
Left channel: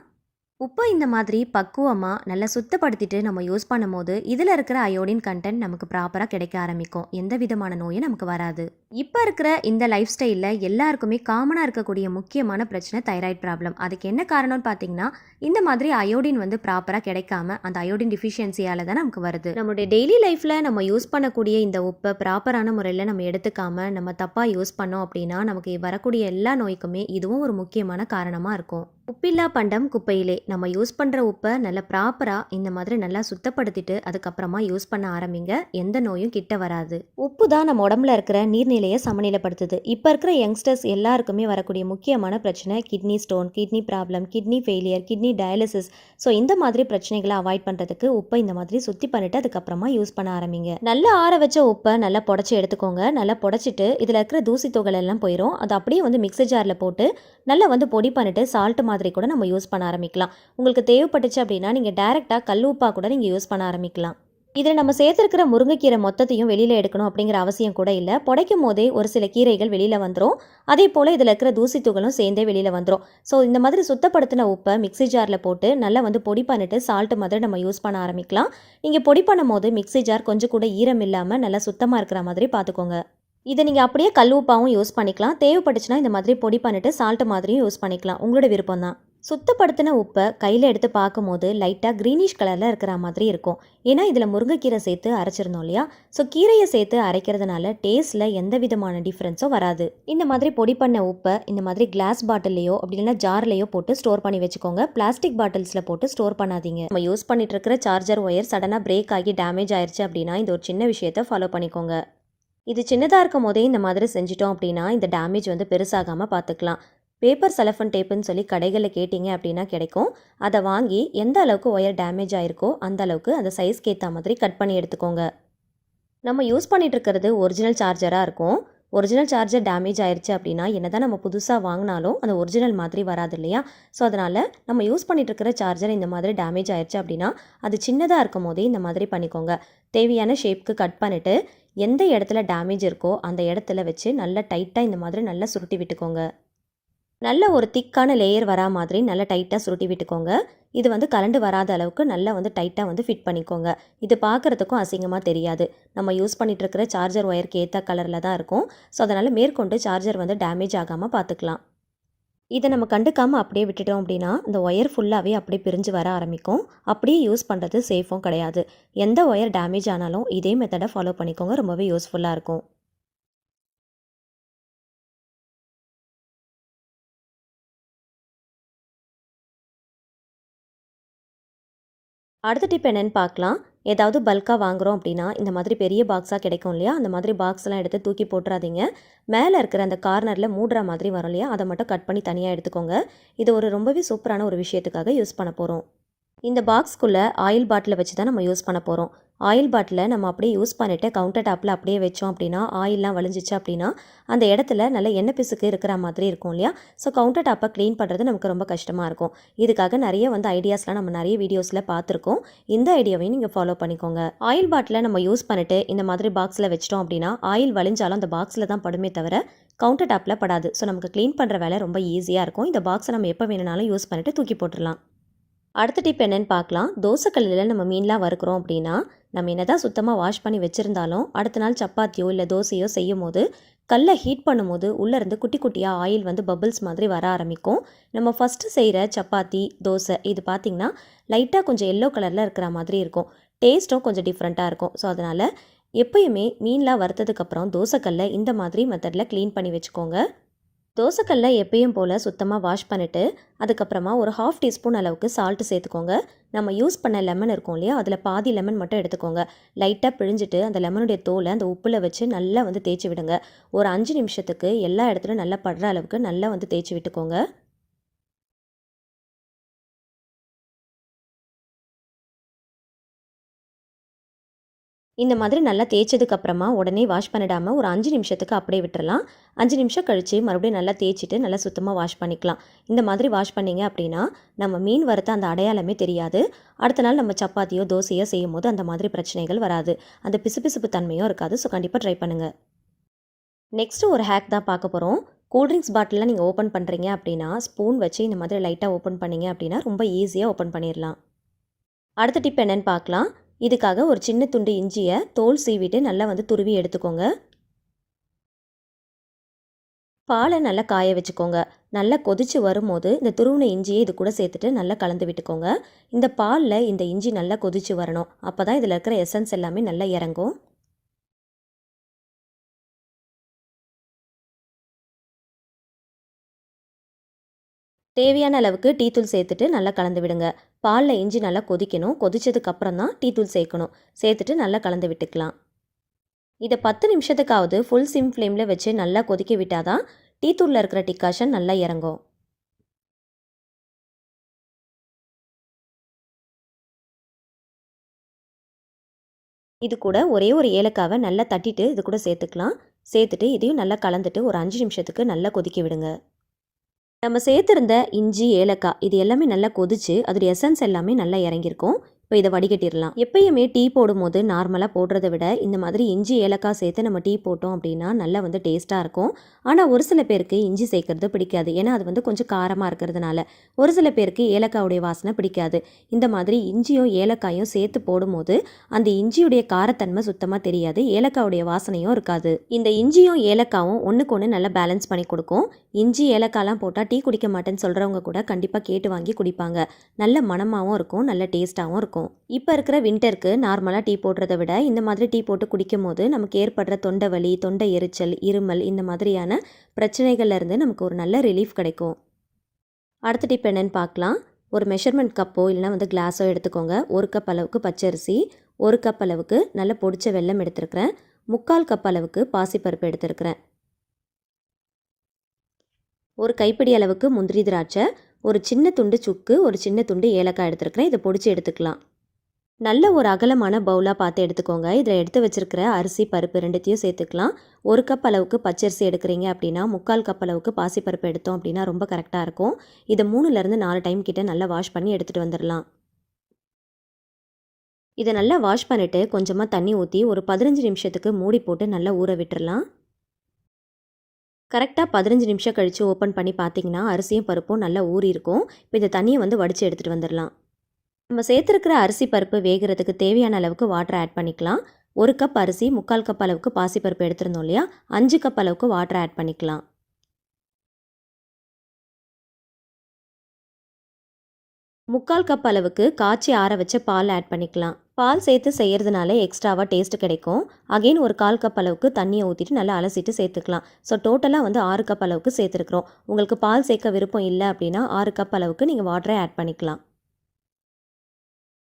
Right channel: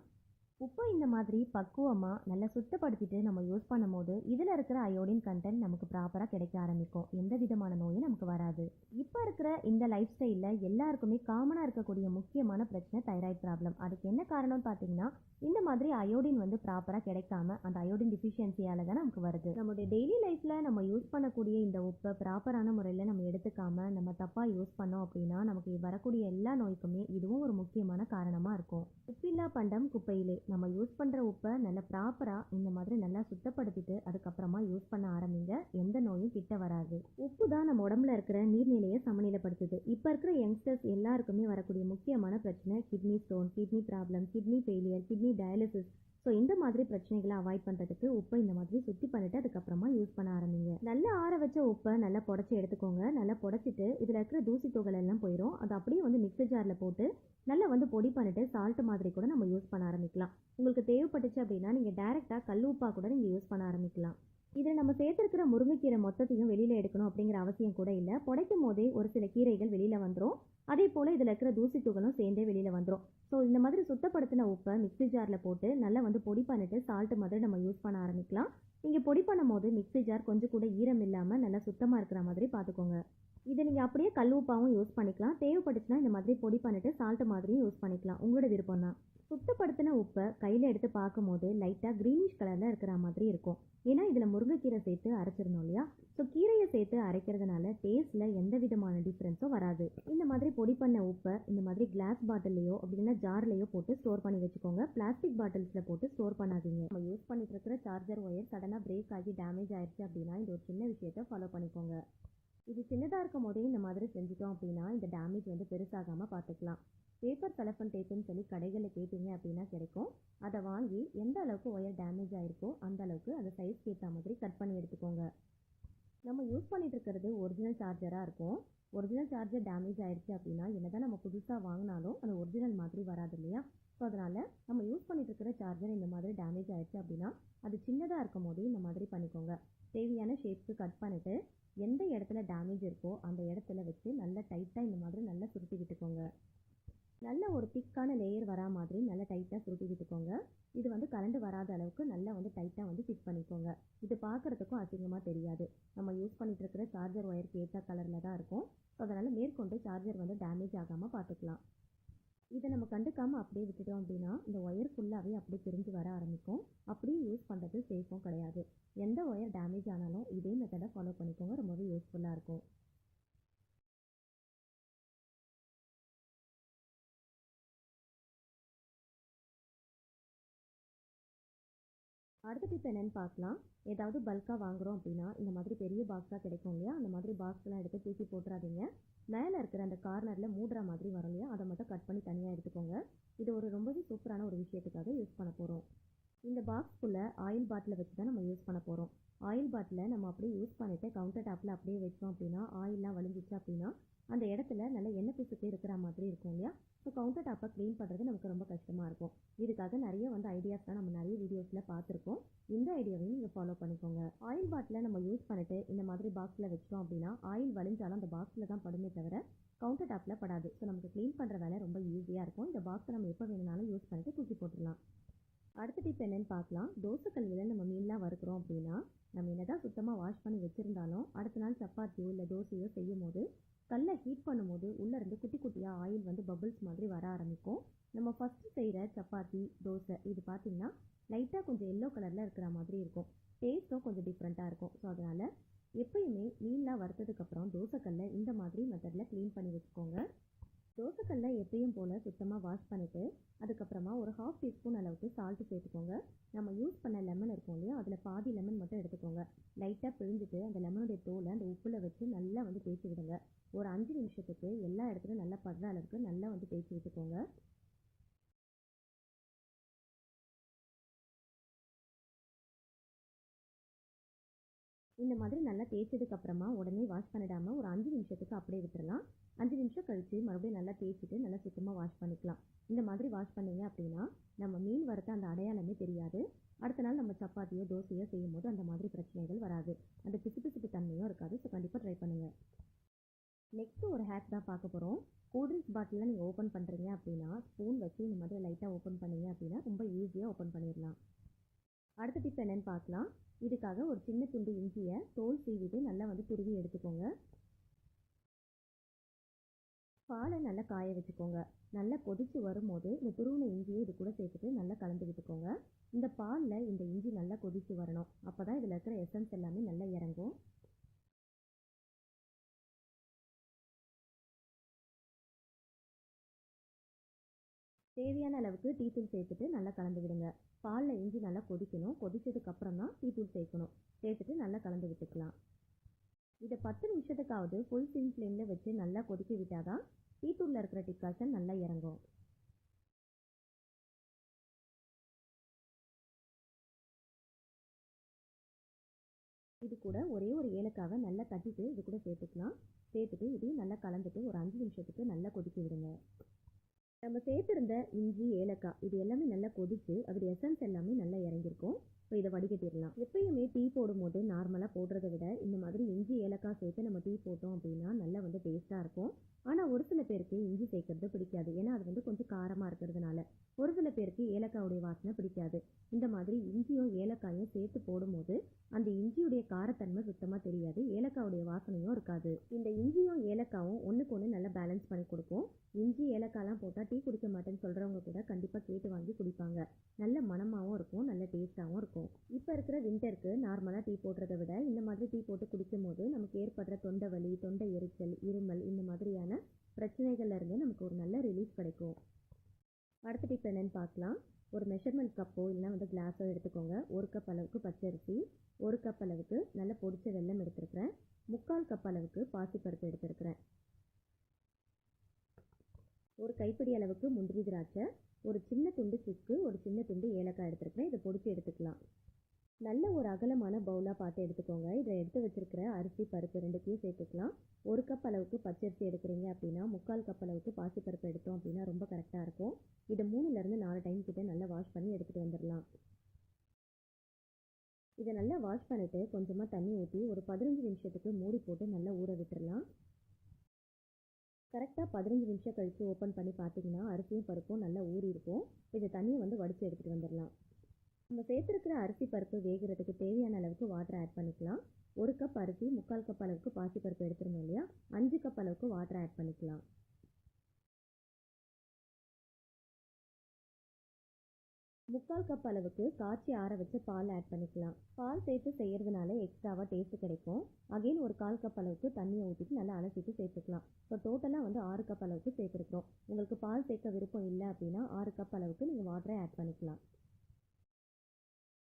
உப்பை இந்த மாதிரி பக்குவமாக நல்லா சுத்தப்படுத்திட்டு நம்ம யூஸ் பண்ணும் போது இதில் இருக்கிற அயோடின் கண்டென்ட் நமக்கு ப்ராப்பராக கிடைக்க ஆரம்பிக்கும். எந்த விதமான நோயும் நமக்கு வராது. இப்போ இருக்கிற இந்த லைஃப் ஸ்டைலில் எல்லாருக்குமே காமனாக இருக்கக்கூடிய முக்கியமான பிரச்சனை தைராய்டு ப்ராப்ளம். அதுக்கு என்ன காரணம்னு பார்த்தீங்கன்னா இந்த மாதிரி அயோடின் வந்து ப்ராப்பராக கிடைக்காம அந்த அயோடின் டிஃபிஷியன்சியால் தான் நமக்கு வருது. நம்மளுடைய டெய்லி லைஃப்பில் நம்ம யூஸ் பண்ணக்கூடிய இந்த உப்பை ப்ராப்பரான முறையில் நம்ம எடுத்துக்காம நம்ம தப்பாக யூஸ் பண்ணோம் அப்படின்னா நமக்கு வரக்கூடிய எல்லா நோய்க்குமே இதுவும் ஒரு முக்கியமான காரணமாக இருக்கும். உப்பில்லா பண்டம் குப்பையிலே. நம்ம யூஸ் பண்ற உப்ப நல்லா ப்ராப்பரா இந்த மாதிரி நல்லா சுத்தப்படுத்திட்டு, அதுக்கப்புறமா யூஸ் பண்ண ஆரம்பிங்க. எந்த நோயும் கிட்ட வராது. உப்பு தான் நம்ம உடம்புல இருக்கிற நீர்நிலைய சமநிலைப்படுத்துது. இப்ப இருக்கிற யங்ஸ்டர்ஸ் எல்லாருக்குமே வரக்கூடிய முக்கியமான பிரச்சனை kidney stone, kidney problem, kidney failure, kidney dialysis. So இந்த மாதிரி பிரச்சனைகள அவாய்ட் பண்றதுக்கு உப்ப இந்த மாதிரி சுத்தி பண்ணிட்டு அதுக்கப்புறமா யூஸ் பண்ண ஆரம்பிங்க. நல்லா ஆற வச்ச உப்ப நல்லா புடைச்சு எடுத்துக்கோங்க. நல்லா புடைச்சிட்டு இதுல இருக்கிற தூசி துகள் எல்லாம் போயிரும். அத அப்படியே வந்து மிக்ஸி ஜார்ல போட்டு நல்லா வந்து பொடி பண்ணிட்டு சால்ட் மாதிரி கூட நம்ம யூஸ் பண்ண ஆரம்பிக்கலாம். உங்களுக்கு தேவைப்பட்டுச்சு அப்படின்னா நீங்கள் டைரெக்டாக கல் உப்பா கூட நீங்கள் யூஸ் பண்ண ஆரம்பிக்கலாம். இதில் நம்ம சேர்த்துருக்கிற முருங்கைக்கீரை மொத்தத்தையும் வெளியில் எடுக்கணும் அப்படிங்கிற அவசியம் கூட இல்லை. புடைக்கும் போதே ஒரு சில கீரைகள் வெளியில் வந்துடும். அதே போல் இதில் இருக்கிற தூசி துகளும் சேர்ந்தே வெளியில் வந்துடும். ஸோ இந்த மாதிரி சுத்தப்படுத்தின உப்பை மிக்ஸி ஜாரில் போட்டு நல்லா வந்து பொடி பண்ணிட்டு சால்ட் மாதிரி நம்ம யூஸ் பண்ண ஆரம்பிக்கலாம். நீங்கள் பொடி பண்ணும் போது மிக்ஸி ஜார் கொஞ்சம் கூட ஈரம் இல்லாமல் நல்லா சுத்தமாக இருக்கிற மாதிரி பார்த்துக்கோங்க. இதை நீங்கள் அப்படியே கல் உப்பாவும் யூஸ் பண்ணிக்கலாம். தேவைப்பட்டுச்சுன்னா இந்த மாதிரி பொடி பண்ணிட்டு சால்ட் மாதிரியும் யூஸ் பண்ணிக்கலாம். உங்களோட விருப்பம் தான். சுத்தப்படுத்தின உப்பை கையில் எடுத்து பார்க்கும்போது லைட்டாக க்ரீனிஷ் கலரில் இருக்கிற மாதிரி இருக்கும். ஏன்னா இதில் முருங்கைக்கீரை சேர்த்து அரைச்சிருந்தோம் இல்லையா? ஸோ கீரையை சேர்த்து அரைக்கிறதுனால டேஸ்ட்டில் எந்த விதமான டிஃப்ரென்ஸும் வராது. இந்த மாதிரி பொடி பண்ண உப்பை இந்த மாதிரி கிளாஸ் பாட்டில்லையோ அப்படி இல்லைன்னா ஜார்லையோ போட்டு ஸ்டோர் பண்ணி வச்சுக்கோங்க. பிளாஸ்டிக் பாட்டில்ஸில் போட்டு ஸ்டோர் பண்ணாதீங்க. நம்ம யூஸ் பண்ணிட்டு இருக்கிற சார்ஜர் ஒயர் சடனாக பிரேக் ஆகி டேமேஜ் ஆயிடுச்சு அப்படின்னா இந்த ஒரு சின்ன விஷயத்தை ஃபாலோ பண்ணிக்கோங்க. இது சின்னதாக இருக்கும் போதே இந்த மாதிரி செஞ்சிட்டோம் அப்படின்னா இந்த டேமேஜ் வந்து பெருசாகாமல் பார்த்துக்கலாம். பேப்பர் செலஃபன் டேப்புன்னு சொல்லி கடைகளில் கேட்டிங்க அப்படின்னா கிடைக்கும். அதை வாங்கி எந்த அளவுக்கு ஒயர் டேமேஜ் ஆகிருக்கோ அந்த அளவுக்கு அந்த சைஸ்க்கு ஏற்ற மாதிரி கட் பண்ணி எடுத்துக்கோங்க. நம்ம யூஸ் பண்ணிட்டு இருக்கிறது ஒரிஜினல் சார்ஜராக இருக்கும். ஒரிஜினல் சார்ஜர் டேமேஜ் ஆயிடுச்சு அப்படின்னா என்னதான் நம்ம புதுசாக வாங்கினாலும் அந்த ஒரிஜினல் மாதிரி வராது இல்லையா? ஸோ அதனால் நம்ம யூஸ் பண்ணிட்டு இருக்கிற சார்ஜர் இந்த மாதிரி டேமேஜ் ஆயிடுச்சு அப்படின்னா அது சின்னதாக இருக்கும் போதே இந்த மாதிரி பண்ணிக்கோங்க. தேவையான ஷேப்க்கு கட் பண்ணிவிட்டு எந்த இடத்துல டேமேஜ் இருக்கோ அந்த இடத்துல வச்சு நல்லா டைட்டாக இந்த மாதிரி நல்லா சுருட்டி விட்டுக்கோங்க. நல்ல ஒரு திக்கான லேயர் வரா மாதிரி நல்லா டைட்டாக சுருட்டி விட்டுக்கோங்க. இது வந்து கலண்டு வராத அளவுக்கு நல்லா வந்து டைட்டாக வந்து ஃபிட் பண்ணிக்கோங்க. இது பார்க்குறதுக்கும் அசிங்கமாக தெரியாது. நம்ம யூஸ் பண்ணிட்டு இருக்கிற சார்ஜர் ஒயருக்கு ஏற்ற கலரில் தான் இருக்கும். ஸோ அதனால் மேற்கொண்டு சார்ஜர் வந்து டேமேஜ் ஆகாமல் பார்த்துக்கலாம். இதை நம்ம கண்டுக்காமல் அப்படியே விட்டுட்டோம் அப்படின்னா இந்த ஒயர் ஃபுல்லாகவே அப்படியே பிரிஞ்சு வர ஆரம்பிக்கும். அப்படியே யூஸ் பண்ணுறது சேஃபும் கிடையாது. எந்த ஒயர் டேமேஜ் ஆனாலும் இதே மெத்தடை ஃபாலோ பண்ணிக்கோங்க. ரொம்பவே யூஸ்ஃபுல்லாக இருக்கும். அடுத்த டிப் என்னன்னு பார்க்கலாம். ஏதாவது பல்காக வாங்குகிறோம் அப்படின்னா இந்த மாதிரி பெரிய பாக்ஸாக கிடைக்கும் இல்லையா? அந்த மாதிரி பாக்ஸ்லாம் எடுத்து தூக்கி போட்டுறாதீங்க. மேலே இருக்கிற அந்த கார்னரில் மூடுற மாதிரி வரும் இல்லையா? அதை மட்டும் கட் பண்ணி தனியாக எடுத்துக்கோங்க. இது ஒரு ரொம்பவே சூப்பரான ஒரு விஷயத்துக்காக யூஸ் பண்ண போகிறோம். இந்த பாக்ஸ்க்குள்ளே ஆயில் பாட்டிலை வச்சு தான் நம்ம யூஸ் பண்ண போகிறோம். ஆயில் பாட்டிலை நம்ம அப்படியே யூஸ் பண்ணிவிட்டு கவுண்டர் டாப்பில் அப்படியே வச்சோம் அப்படின்னா ஆயிலெலாம் வழிஞ்சிச்சு அப்படின்னா அந்த இடத்துல நல்ல எண்ணெய் பிசுக்கு இருக்கிற மாதிரி இருக்கும் இல்லையா? ஸோ கவுண்டர் டாப்பை க்ளீன் பண்ணுறது நமக்கு ரொம்ப கஷ்டமாக இருக்கும். இதுக்காக நிறைய வந்து ஐடியாஸ்லாம் நம்ம நிறைய வீடியோஸில் பார்த்துருக்கோம். இந்த ஐடியாவையும் நீங்கள் ஃபாலோ பண்ணிக்கோங்க. ஆயில் பாட்டிலை நம்ம யூஸ் பண்ணிவிட்டு இந்த மாதிரி பாக்ஸில் வச்சிட்டோம் அப்படின்னா ஆயில் வழிஞ்சாலும் அந்த பாக்ஸில் தான் படுமே தவிர கவுண்டர் டாப்பில் படாது. ஸோ நமக்கு க்ளீன் பண்ணுற வேலை ரொம்ப ஈஸியாக இருக்கும். இந்த பாக்ஸை நம்ம எப்போ வேணுனாலும் யூஸ் பண்ணிவிட்டு தூக்கி போட்டுடலாம். அடுத்த டிப் என்னன்னு பார்க்கலாம். தோசைக்கல்லில் நம்ம மீன்லாம் வறுக்கிறோம் அப்படின்னா நம்ம என்னதான் சுத்தமாக வாஷ் பண்ணி வச்சுருந்தாலும் அடுத்த நாள் சப்பாத்தியோ இல்லை தோசையோ செய்யும் போது கல்லை ஹீட் பண்ணும்போது உள்ளேருந்து குட்டி குட்டியாக ஆயில் வந்து பபிள்ஸ் மாதிரி வர ஆரம்பிக்கும். நம்ம ஃபஸ்ட்டு செய்கிற சப்பாத்தி தோசை இது பார்த்திங்கன்னா லைட்டாக கொஞ்சம் எல்லோ கலரில் இருக்கிற மாதிரி இருக்கும். டேஸ்ட்டும் கொஞ்சம் டிஃப்ரெண்ட்டாக இருக்கும். ஸோ அதனால் எப்பயுமே மீன்லாம் வறுத்ததுக்கப்புறம் தோசைக்கல்லை இந்த மாதிரி மெத்தடில் க்ளீன் பண்ணி வச்சுக்கோங்க. தோசைக்கல்ல எப்பயும் போல் சுத்தமாக வாஷ் பண்ணிவிட்டு அதுக்கப்புறமா ஒரு 1/2 டீஸ்பூன் அளவுக்கு சால்ட்டு சேர்த்துக்கோங்க. நம்ம யூஸ் பண்ண லெமன் இருக்கும் இல்லையா? அதில் பாதி லெமன் மட்டும் எடுத்துக்கோங்க. லைட்டாக பிழிஞ்சிட்டு அந்த லெமனுடைய தோலை அந்த உப்பில் வச்சு நல்லா வந்து தேய்ச்சி விடுங்க. ஒரு 5 நிமிஷத்துக்கு எல்லா இடத்துலையும் நல்லா படுற அளவுக்கு நல்லா வந்து தேய்ச்சி விட்டுக்கோங்க. இந்த மாதிரி நல்லா தேய்ச்சதுக்கப்புறமா உடனே வாஷ் பண்ணிடாமல் ஒரு 5 நிமிஷத்துக்கு அப்படியே விட்டுறலாம். 5 நிமிஷம் கழித்து மறுபடியும் நல்லா தேய்ச்சிட்டு நல்லா சுத்தமாக வாஷ் பண்ணிக்கலாம். இந்த மாதிரி வாஷ் பண்ணிங்க அப்படின்னா நம்ம மீன் வறுத்த அந்த அடையாளமே தெரியாது. அடுத்த நாள் நம்ம சப்பாத்தியோ தோசையோ செய்யும் போது அந்த மாதிரி பிரச்சனைகள் வராது. அந்த பிசுபிசுப்பு தன்மையும் இருக்காது. ஸோ கண்டிப்பாக ட்ரை பண்ணுங்கள். நெக்ஸ்ட்டு ஒரு ஹேக் தான் பார்க்க போகிறோம். கூல்ட்ரிங்க்ஸ் பாட்டிலாம் நீங்கள் ஓப்பன் பண்ணுறீங்க அப்படின்னா ஸ்பூன் வச்சு இந்த மாதிரி லைட்டாக ஓப்பன் பண்ணிங்க அப்படின்னா ரொம்ப ஈஸியாக ஓப்பன் பண்ணிடலாம். அடுத்த டிப் என்னன்னு பார்க்கலாம். இதுக்காக ஒரு சின்ன துண்டு இஞ்சியை தோல் சீவிட்டு நல்லா வந்து துருவி எடுத்துக்கோங்க. பாலை நல்லா காய வச்சுக்கோங்க. நல்லா கொதிச்சு வரும்போது இந்த துருவின இஞ்சியை இது கூட சேர்த்துட்டு நல்லா கலந்து விட்டுக்கோங்க. இந்த பாலில் இந்த இஞ்சி நல்லா கொதிச்சு வரணும். அப்போ தான் இதில் இருக்கிற எசன்ஸ் எல்லாமே நல்லா இறங்கும். தேவையான அளவுக்கு டீ தூள் சேர்த்துட்டு நல்லா கலந்து விடுங்க. பாலில் இஞ்சி நல்லா கொதிக்கணும். கொதிச்சதுக்கு அப்புறம் தான் டீ தூள் சேர்க்கணும். சேர்த்துட்டு நல்லா கலந்து விட்டுக்கலாம். இதை 10 நிமிஷத்துக்காவது ஃபுல் சிம் ஃப்ளேமில் வச்சு நல்லா கொதிக்க விட்டால் தான் டீ தூளில் இருக்கிற டிகாஷன் நல்லா இறங்கும். இது கூட ஒரே ஒரு ஏலக்காவை நல்லா தட்டிட்டு இது கூட சேர்த்துக்கலாம். சேர்த்துட்டு இதையும் நல்லா கலந்துட்டு ஒரு 5 நிமிஷத்துக்கு நல்லா கொதிக்க விடுங்க. நம்ம சேர்த்துருந்த இஞ்சி, ஏலக்காய் இது எல்லாமே நல்லா கொதிச்சு அதோடைய எசன்ஸ் எல்லாமே நல்லா இறங்கியிருக்கும். இப்போ இதை வடிகட்டிடலாம். எப்பயுமே டீ போடும்போது நார்மலாக போடுறத விட இந்த மாதிரி இஞ்சி, ஏலக்காய் சேர்த்து நம்ம டீ போட்டோம் அப்படின்னா நல்லா வந்து டேஸ்ட்டாக இருக்கும். ஆனால் ஒரு சில பேருக்கு இஞ்சி சேர்க்கறது பிடிக்காது. ஏன்னா அது வந்து கொஞ்சம் காரமாக இருக்கிறதுனால. ஒரு சில பேருக்கு ஏலக்காவுடைய வாசனை பிடிக்காது. இந்த மாதிரி இஞ்சியும் ஏலக்காயும் சேர்த்து போடும்போது அந்த இஞ்சியுடைய காரத்தன்மை சுத்தமாக தெரியாது. ஏலக்காவுடைய வாசனையும் இருக்காது. இந்த இஞ்சியும் ஏலக்காவும் ஒன்றுக்கு ஒன்று நல்லா பேலன்ஸ் பண்ணி கொடுக்கும். இஞ்சி, ஏலக்காய்லாம் போட்டால் டீ குடிக்க மாட்டேன்னு சொல்கிறவங்க கூட கண்டிப்பாக கேட்டு வாங்கி குடிப்பாங்க. நல்ல மணமாகவும் இருக்கும், நல்ல டேஸ்ட்டாகவும் இருக்கும். இப்போ இருக்கிற வின்டருக்கு நார்மலாக டீ போடுறத விட இந்த மாதிரி டீ போட்டு குடிக்கும் போது நமக்கு ஏற்படுற தொண்டை வலி, தொண்டை எரிச்சல், இருமல் இந்த மாதிரியான பிரச்சனைகள்லேருந்து நமக்கு ஒரு நல்ல ரிலீஃப் கிடைக்கும். அடுத்த டிப் என்னென்னு பார்க்கலாம். ஒரு மெஷர்மெண்ட் கப்போ இல்லைனா வந்து கிளாஸோ எடுத்துக்கோங்க. 1 கப் அளவுக்கு பச்சரிசி, 1 கப் அளவுக்கு நல்ல பொடிச்ச வெல்லம் எடுத்துருக்கிறேன், 3/4 கப் அளவுக்கு பாசிப்பருப்பு எடுத்துருக்கிறேன், ஒரு கைப்பிடி அளவுக்கு முந்திரி திராட்சை, ஒரு சின்ன துண்டு சுக்கு, ஒரு சின்ன துண்டு ஏலக்காய் எடுத்துருக்கிறேன். இதை பொடிச்சு எடுத்துக்கலாம். நல்ல ஒரு அகலமான பவுலாக பார்த்து எடுத்துக்கோங்க. இதில் எடுத்து வச்சுருக்கிற அரிசி, பருப்பு ரெண்டுத்தையும் சேர்த்துக்கலாம். 1 கப் அளவுக்கு பச்சரிசி எடுக்கிறீங்க அப்படின்னா 3/4 கப் அளவுக்கு பாசிப்பருப்பு எடுத்தோம் அப்படின்னா ரொம்ப கரெக்டாக இருக்கும். இதை 3லேருந்து 4 டைம் கிட்ட நல்லா வாஷ் பண்ணி எடுத்துகிட்டு வந்துடலாம். இதை நல்லா வாஷ் பண்ணிவிட்டு கொஞ்சமாக தண்ணி ஊற்றி ஒரு 15 நிமிஷத்துக்கு மூடி போட்டு நல்லா ஊற விட்டுறலாம். கரெக்டாக 15 நிமிஷம் கழித்து ஓப்பன் பண்ணி பார்த்தீங்கன்னா அரிசியும் பருப்பும் நல்லா ஊறி இருக்கும். இப்போ இந்த தண்ணியை வந்து வடித்து எடுத்துகிட்டு வந்துடலாம். நம்ம சேர்த்துருக்கிற அரிசி பருப்பு வேகிறதுக்கு தேவையான அளவுக்கு வாட்டர் ஆட் பண்ணிக்கலாம். 1 கப் அரிசி 3/4 கப் அளவுக்கு பாசிப்பருப்பு எடுத்திருந்தோம் இல்லையா, 5 கப் அளவுக்கு வாட்டர் ஆட் பண்ணிக்கலாம். 3/4 கப் அளவுக்கு காய்ச்சி ஆற வச்ச பால் ஆட் பண்ணிக்கலாம். பால் சேர்த்து செய்கிறதுனால எக்ஸ்ட்ராவாக டேஸ்ட் கிடைக்கும். அகெயின் ஒரு 1/4 கப் அளவுக்கு தண்ணியை ஊற்றிட்டு நல்லா அலசிட்டு சேர்த்துக்கலாம். ஸோ டோட்டலாக வந்து 6 கப் அளவுக்கு சேர்த்துருக்குறோம். உங்களுக்கு பால் சேர்க்க விருப்பம் இல்லை அப்படின்னா 6 கப் அளவுக்கு நீங்கள் வாட்டரை ஆட் பண்ணிக்கலாம்.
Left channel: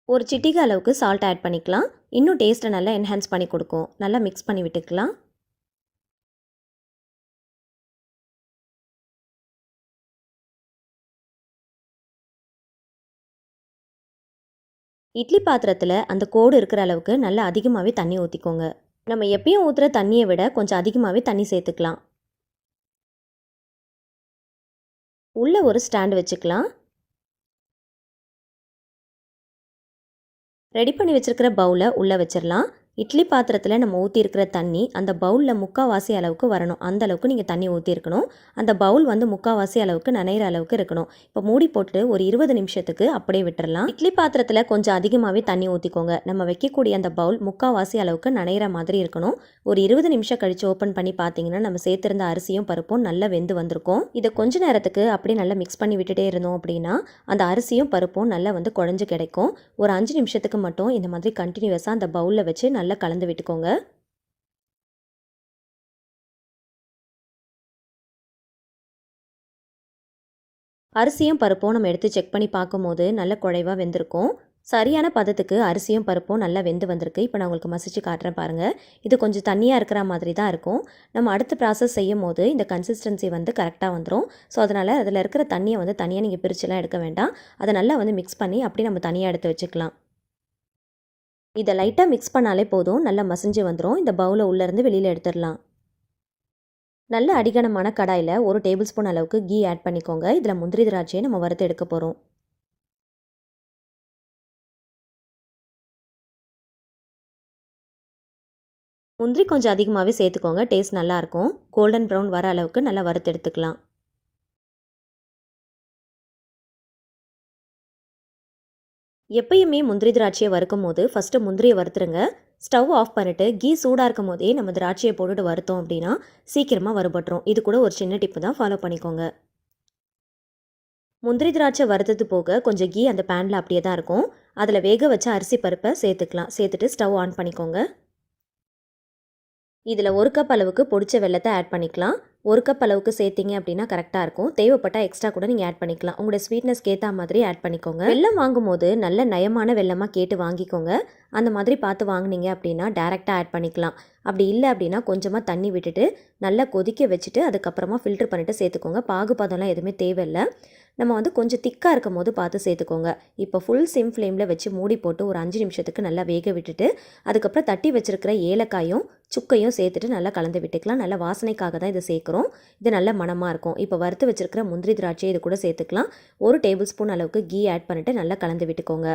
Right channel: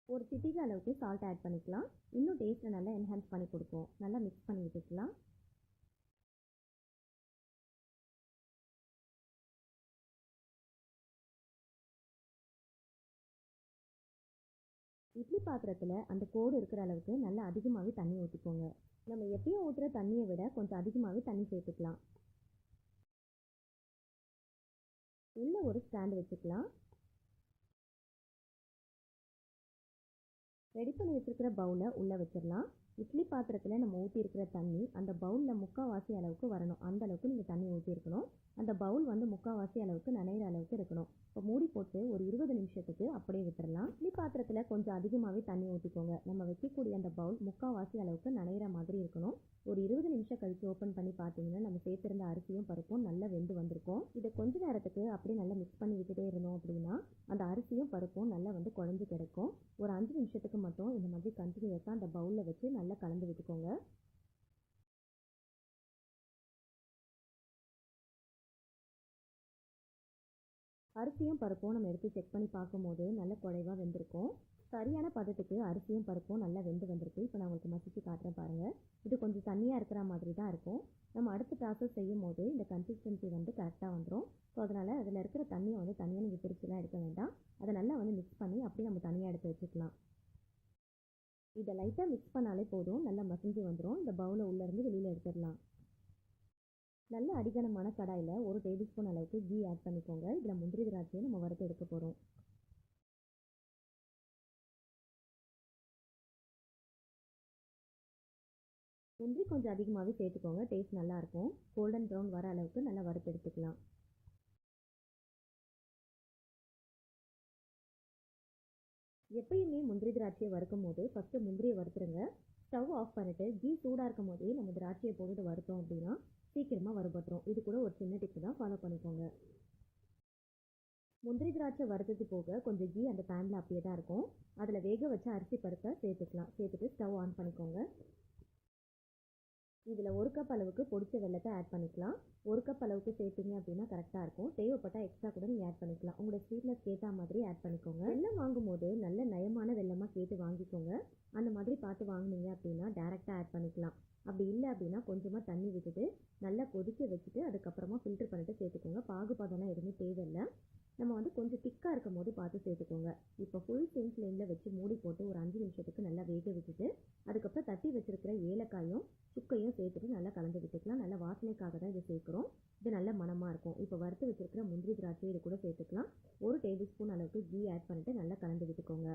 ஒரு சிட்டிகை அளவுக்கு சால்ட் ஆட் பண்ணிக்கலாம். இன்னும் டேஸ்ட்டை நல்லா என்ஹான்ஸ் பண்ணி கொடுக்கும். நல்லா மிக்ஸ் பண்ணி விட்டுக்கலாம். இட்லி பாத்திரத்தில் அந்த கோடு இருக்கிற அளவுக்கு நல்லா அதிகமாகவே தண்ணி ஊற்றிக்கோங்க. நம்ம எப்பயும் ஊற்றுற தண்ணியை விட கொஞ்சம் அதிகமாகவே தண்ணி சேர்த்துக்கலாம். உள்ளே ஒரு ஸ்டாண்டு வச்சுக்கலாம். ரெடி பண்ணி வச்சுருக்கிற பவுலை உள்ளே வச்சிடலாம். இட்லி பாத்திரத்தில் நம்ம ஊற்றிருக்கிற தண்ணி அந்த பவுலில் 3/4 அளவுக்கு வரணும். அந்த அளவுக்கு நீங்கள் தண்ணி ஊற்றிருக்கணும். அந்த பவுல் வந்து 3/4 அளவுக்கு நனைகிற அளவுக்கு இருக்கணும். இப்போ மூடி போட்டு ஒரு 20 நிமிஷத்துக்கு அப்படியே விட்டுறலாம். இட்லி பாத்திரத்தில் கொஞ்சம் அதிகமாகவே தண்ணி ஊற்றிக்கோங்க. நம்ம வைக்கக்கூடிய அந்த பவுல் 3/4 அளவுக்கு நனைகிற மாதிரி இருக்கணும். ஒரு 20 நிமிஷம் கழித்து ஓப்பன் பண்ணி பார்த்தீங்கன்னா நம்ம சேர்த்துருந்த அரிசியும் பருப்பும் நல்லா வெந்து வந்திருக்கும். இதை கொஞ்ச நேரத்துக்கு அப்படியே நல்லா மிக்ஸ் பண்ணி விட்டுட்டே இருந்தோம் அப்படின்னா அந்த அரிசியும் பருப்பும் நல்லா வந்து குழஞ்சு கிடைக்கும். ஒரு 5 நிமிஷத்துக்கு மட்டும் இந்த மாதிரி கண்டினியூஸாக அந்த பவுலில் வச்சு நல்லா கலந்து விட்டுக்கோங்க. அரிசியும் பருப்பும் நம்ம எடுத்து செக் பண்ணி பார்க்கும்போது நல்ல குழைவாக வெந்திருக்கும். சரியான பதத்துக்கு அரிசியும் பருப்பும் நல்லா வெந்து வந்திருக்கு. இப்போ நான் உங்களுக்கு மசிச்சு காட்டுறேன் பாருங்கள். இது கொஞ்சம் தண்ணியாக இருக்கிற மாதிரி தான் இருக்கும். நம்ம அடுத்த ப்ராசஸ் செய்யும் போது இந்த கன்சிஸ்டன்சி வந்து கரெக்டாக வந்துடும். ஸோ அதனால் அதில் இருக்கிற தண்ணியை வந்து தனியாக நீங்கள் பிரிச்சுலாம் எடுக்க வேண்டாம். அதை நல்லா வந்து மிக்ஸ் பண்ணி அப்படியே நம்ம தனியாக எடுத்து வச்சுக்கலாம். இதை லைட்டாக மிக்ஸ் பண்ணாலே போதும், நல்லா மசிஞ்சு வந்துடும். இந்த பவுலை உள்ளேருந்து வெளியில் எடுத்துடலாம். நல்ல அடிகனமான கடாயில் 1 டேபிள் ஸ்பூன் அளவுக்கு கீ ஆட் பண்ணிக்கோங்க. இதில் முந்திரி திராட்சையை நம்ம வறுத்து எடுக்க போகிறோம். முந்திரி கொஞ்சம் அதிகமாகவே சேர்த்துக்கோங்க, டேஸ்ட் நல்லாயிருக்கும். கோல்டன் ப்ரௌன் வர அளவுக்கு நல்லா வறுத்து எடுத்துக்கலாம். எப்பயுமே முந்திரி திராட்சையை வறுக்கும் போது ஃபஸ்ட்டு முந்திரியை வறுத்துருங்க. ஸ்டவ் ஆஃப் பண்ணிவிட்டு கீ சூடாக இருக்கும் போதே நம்ம திராட்சையை போட்டுட்டு வறுத்தோம் அப்படின்னா சீக்கிரமாக வறுபட்டுரும். இது கூட ஒரு சின்ன டிப்பு தான், ஃபாலோ பண்ணிக்கோங்க. முந்திரி திராட்சை வறுத்தது போக கொஞ்சம் கீ அந்த பேனில் அப்படியே தான் இருக்கும். அதில் வேக வச்ச அரிசி பருப்பை சேர்த்துக்கலாம். சேர்த்துட்டு ஸ்டவ் ஆன் பண்ணிக்கோங்க. இதில் 1 கப் அளவுக்கு பொடிச்ச வெல்லத்தை ஆட் பண்ணிக்கலாம். 1 கப் அளவுக்கு சேர்த்திங்க அப்படின்னா கரெக்டாக இருக்கும். தேவைப்பட்டால் எக்ஸ்ட்ரா கூட நீங்கள் ஆட் பண்ணிக்கலாம். உங்களோட ஸ்வீட்னஸ்க்கு ஏற்ற மாதிரி ஆட் பண்ணிக்கோங்க. வெல்லம் வாங்கும்போது நல்ல நயமான வெல்லமாக கேட்டு வாங்கிக்கோங்க. அந்த மாதிரி பார்த்து வாங்கினீங்க அப்படின்னா டேரெக்டாக ஆட் பண்ணிக்கலாம். அப்படி இல்லை அப்படின்னா கொஞ்சமாக தண்ணி விட்டுட்டு நல்லா கொதிக்க வச்சுட்டு அதுக்கப்புறமா ஃபில்டர் பண்ணிவிட்டு சேர்த்துக்கோங்க. பாகுபாதம்லாம் எதுவுமே தேவையில்லை. நம்ம வந்து கொஞ்சம் திக்காக இருக்கும் போது பார்த்து சேர்த்துக்கோங்க. இப்போ ஃபுல் சிம் ஃப்ளேமில் வச்சு மூடி போட்டு ஒரு 5 நிமிஷத்துக்கு நல்லா வேக விட்டுட்டு அதுக்கப்புறம் தட்டி வச்சுருக்கிற ஏலக்காயும் சுக்கையும் சேர்த்துட்டு நல்லா கலந்து விட்டுக்கலாம். நல்லா வாசனைக்காக தான் இதை சேர்க்குறோம். இது நல்ல மணமாக இருக்கும். இப்போ வறுத்து வச்சுருக்கிற முந்திரி திராட்சை இது கூட சேர்த்துக்கலாம். 1 டேபிள் ஸ்பூன் அளவுக்கு கீ ஆட் பண்ணிவிட்டு நல்லா கலந்து விட்டுக்கோங்க.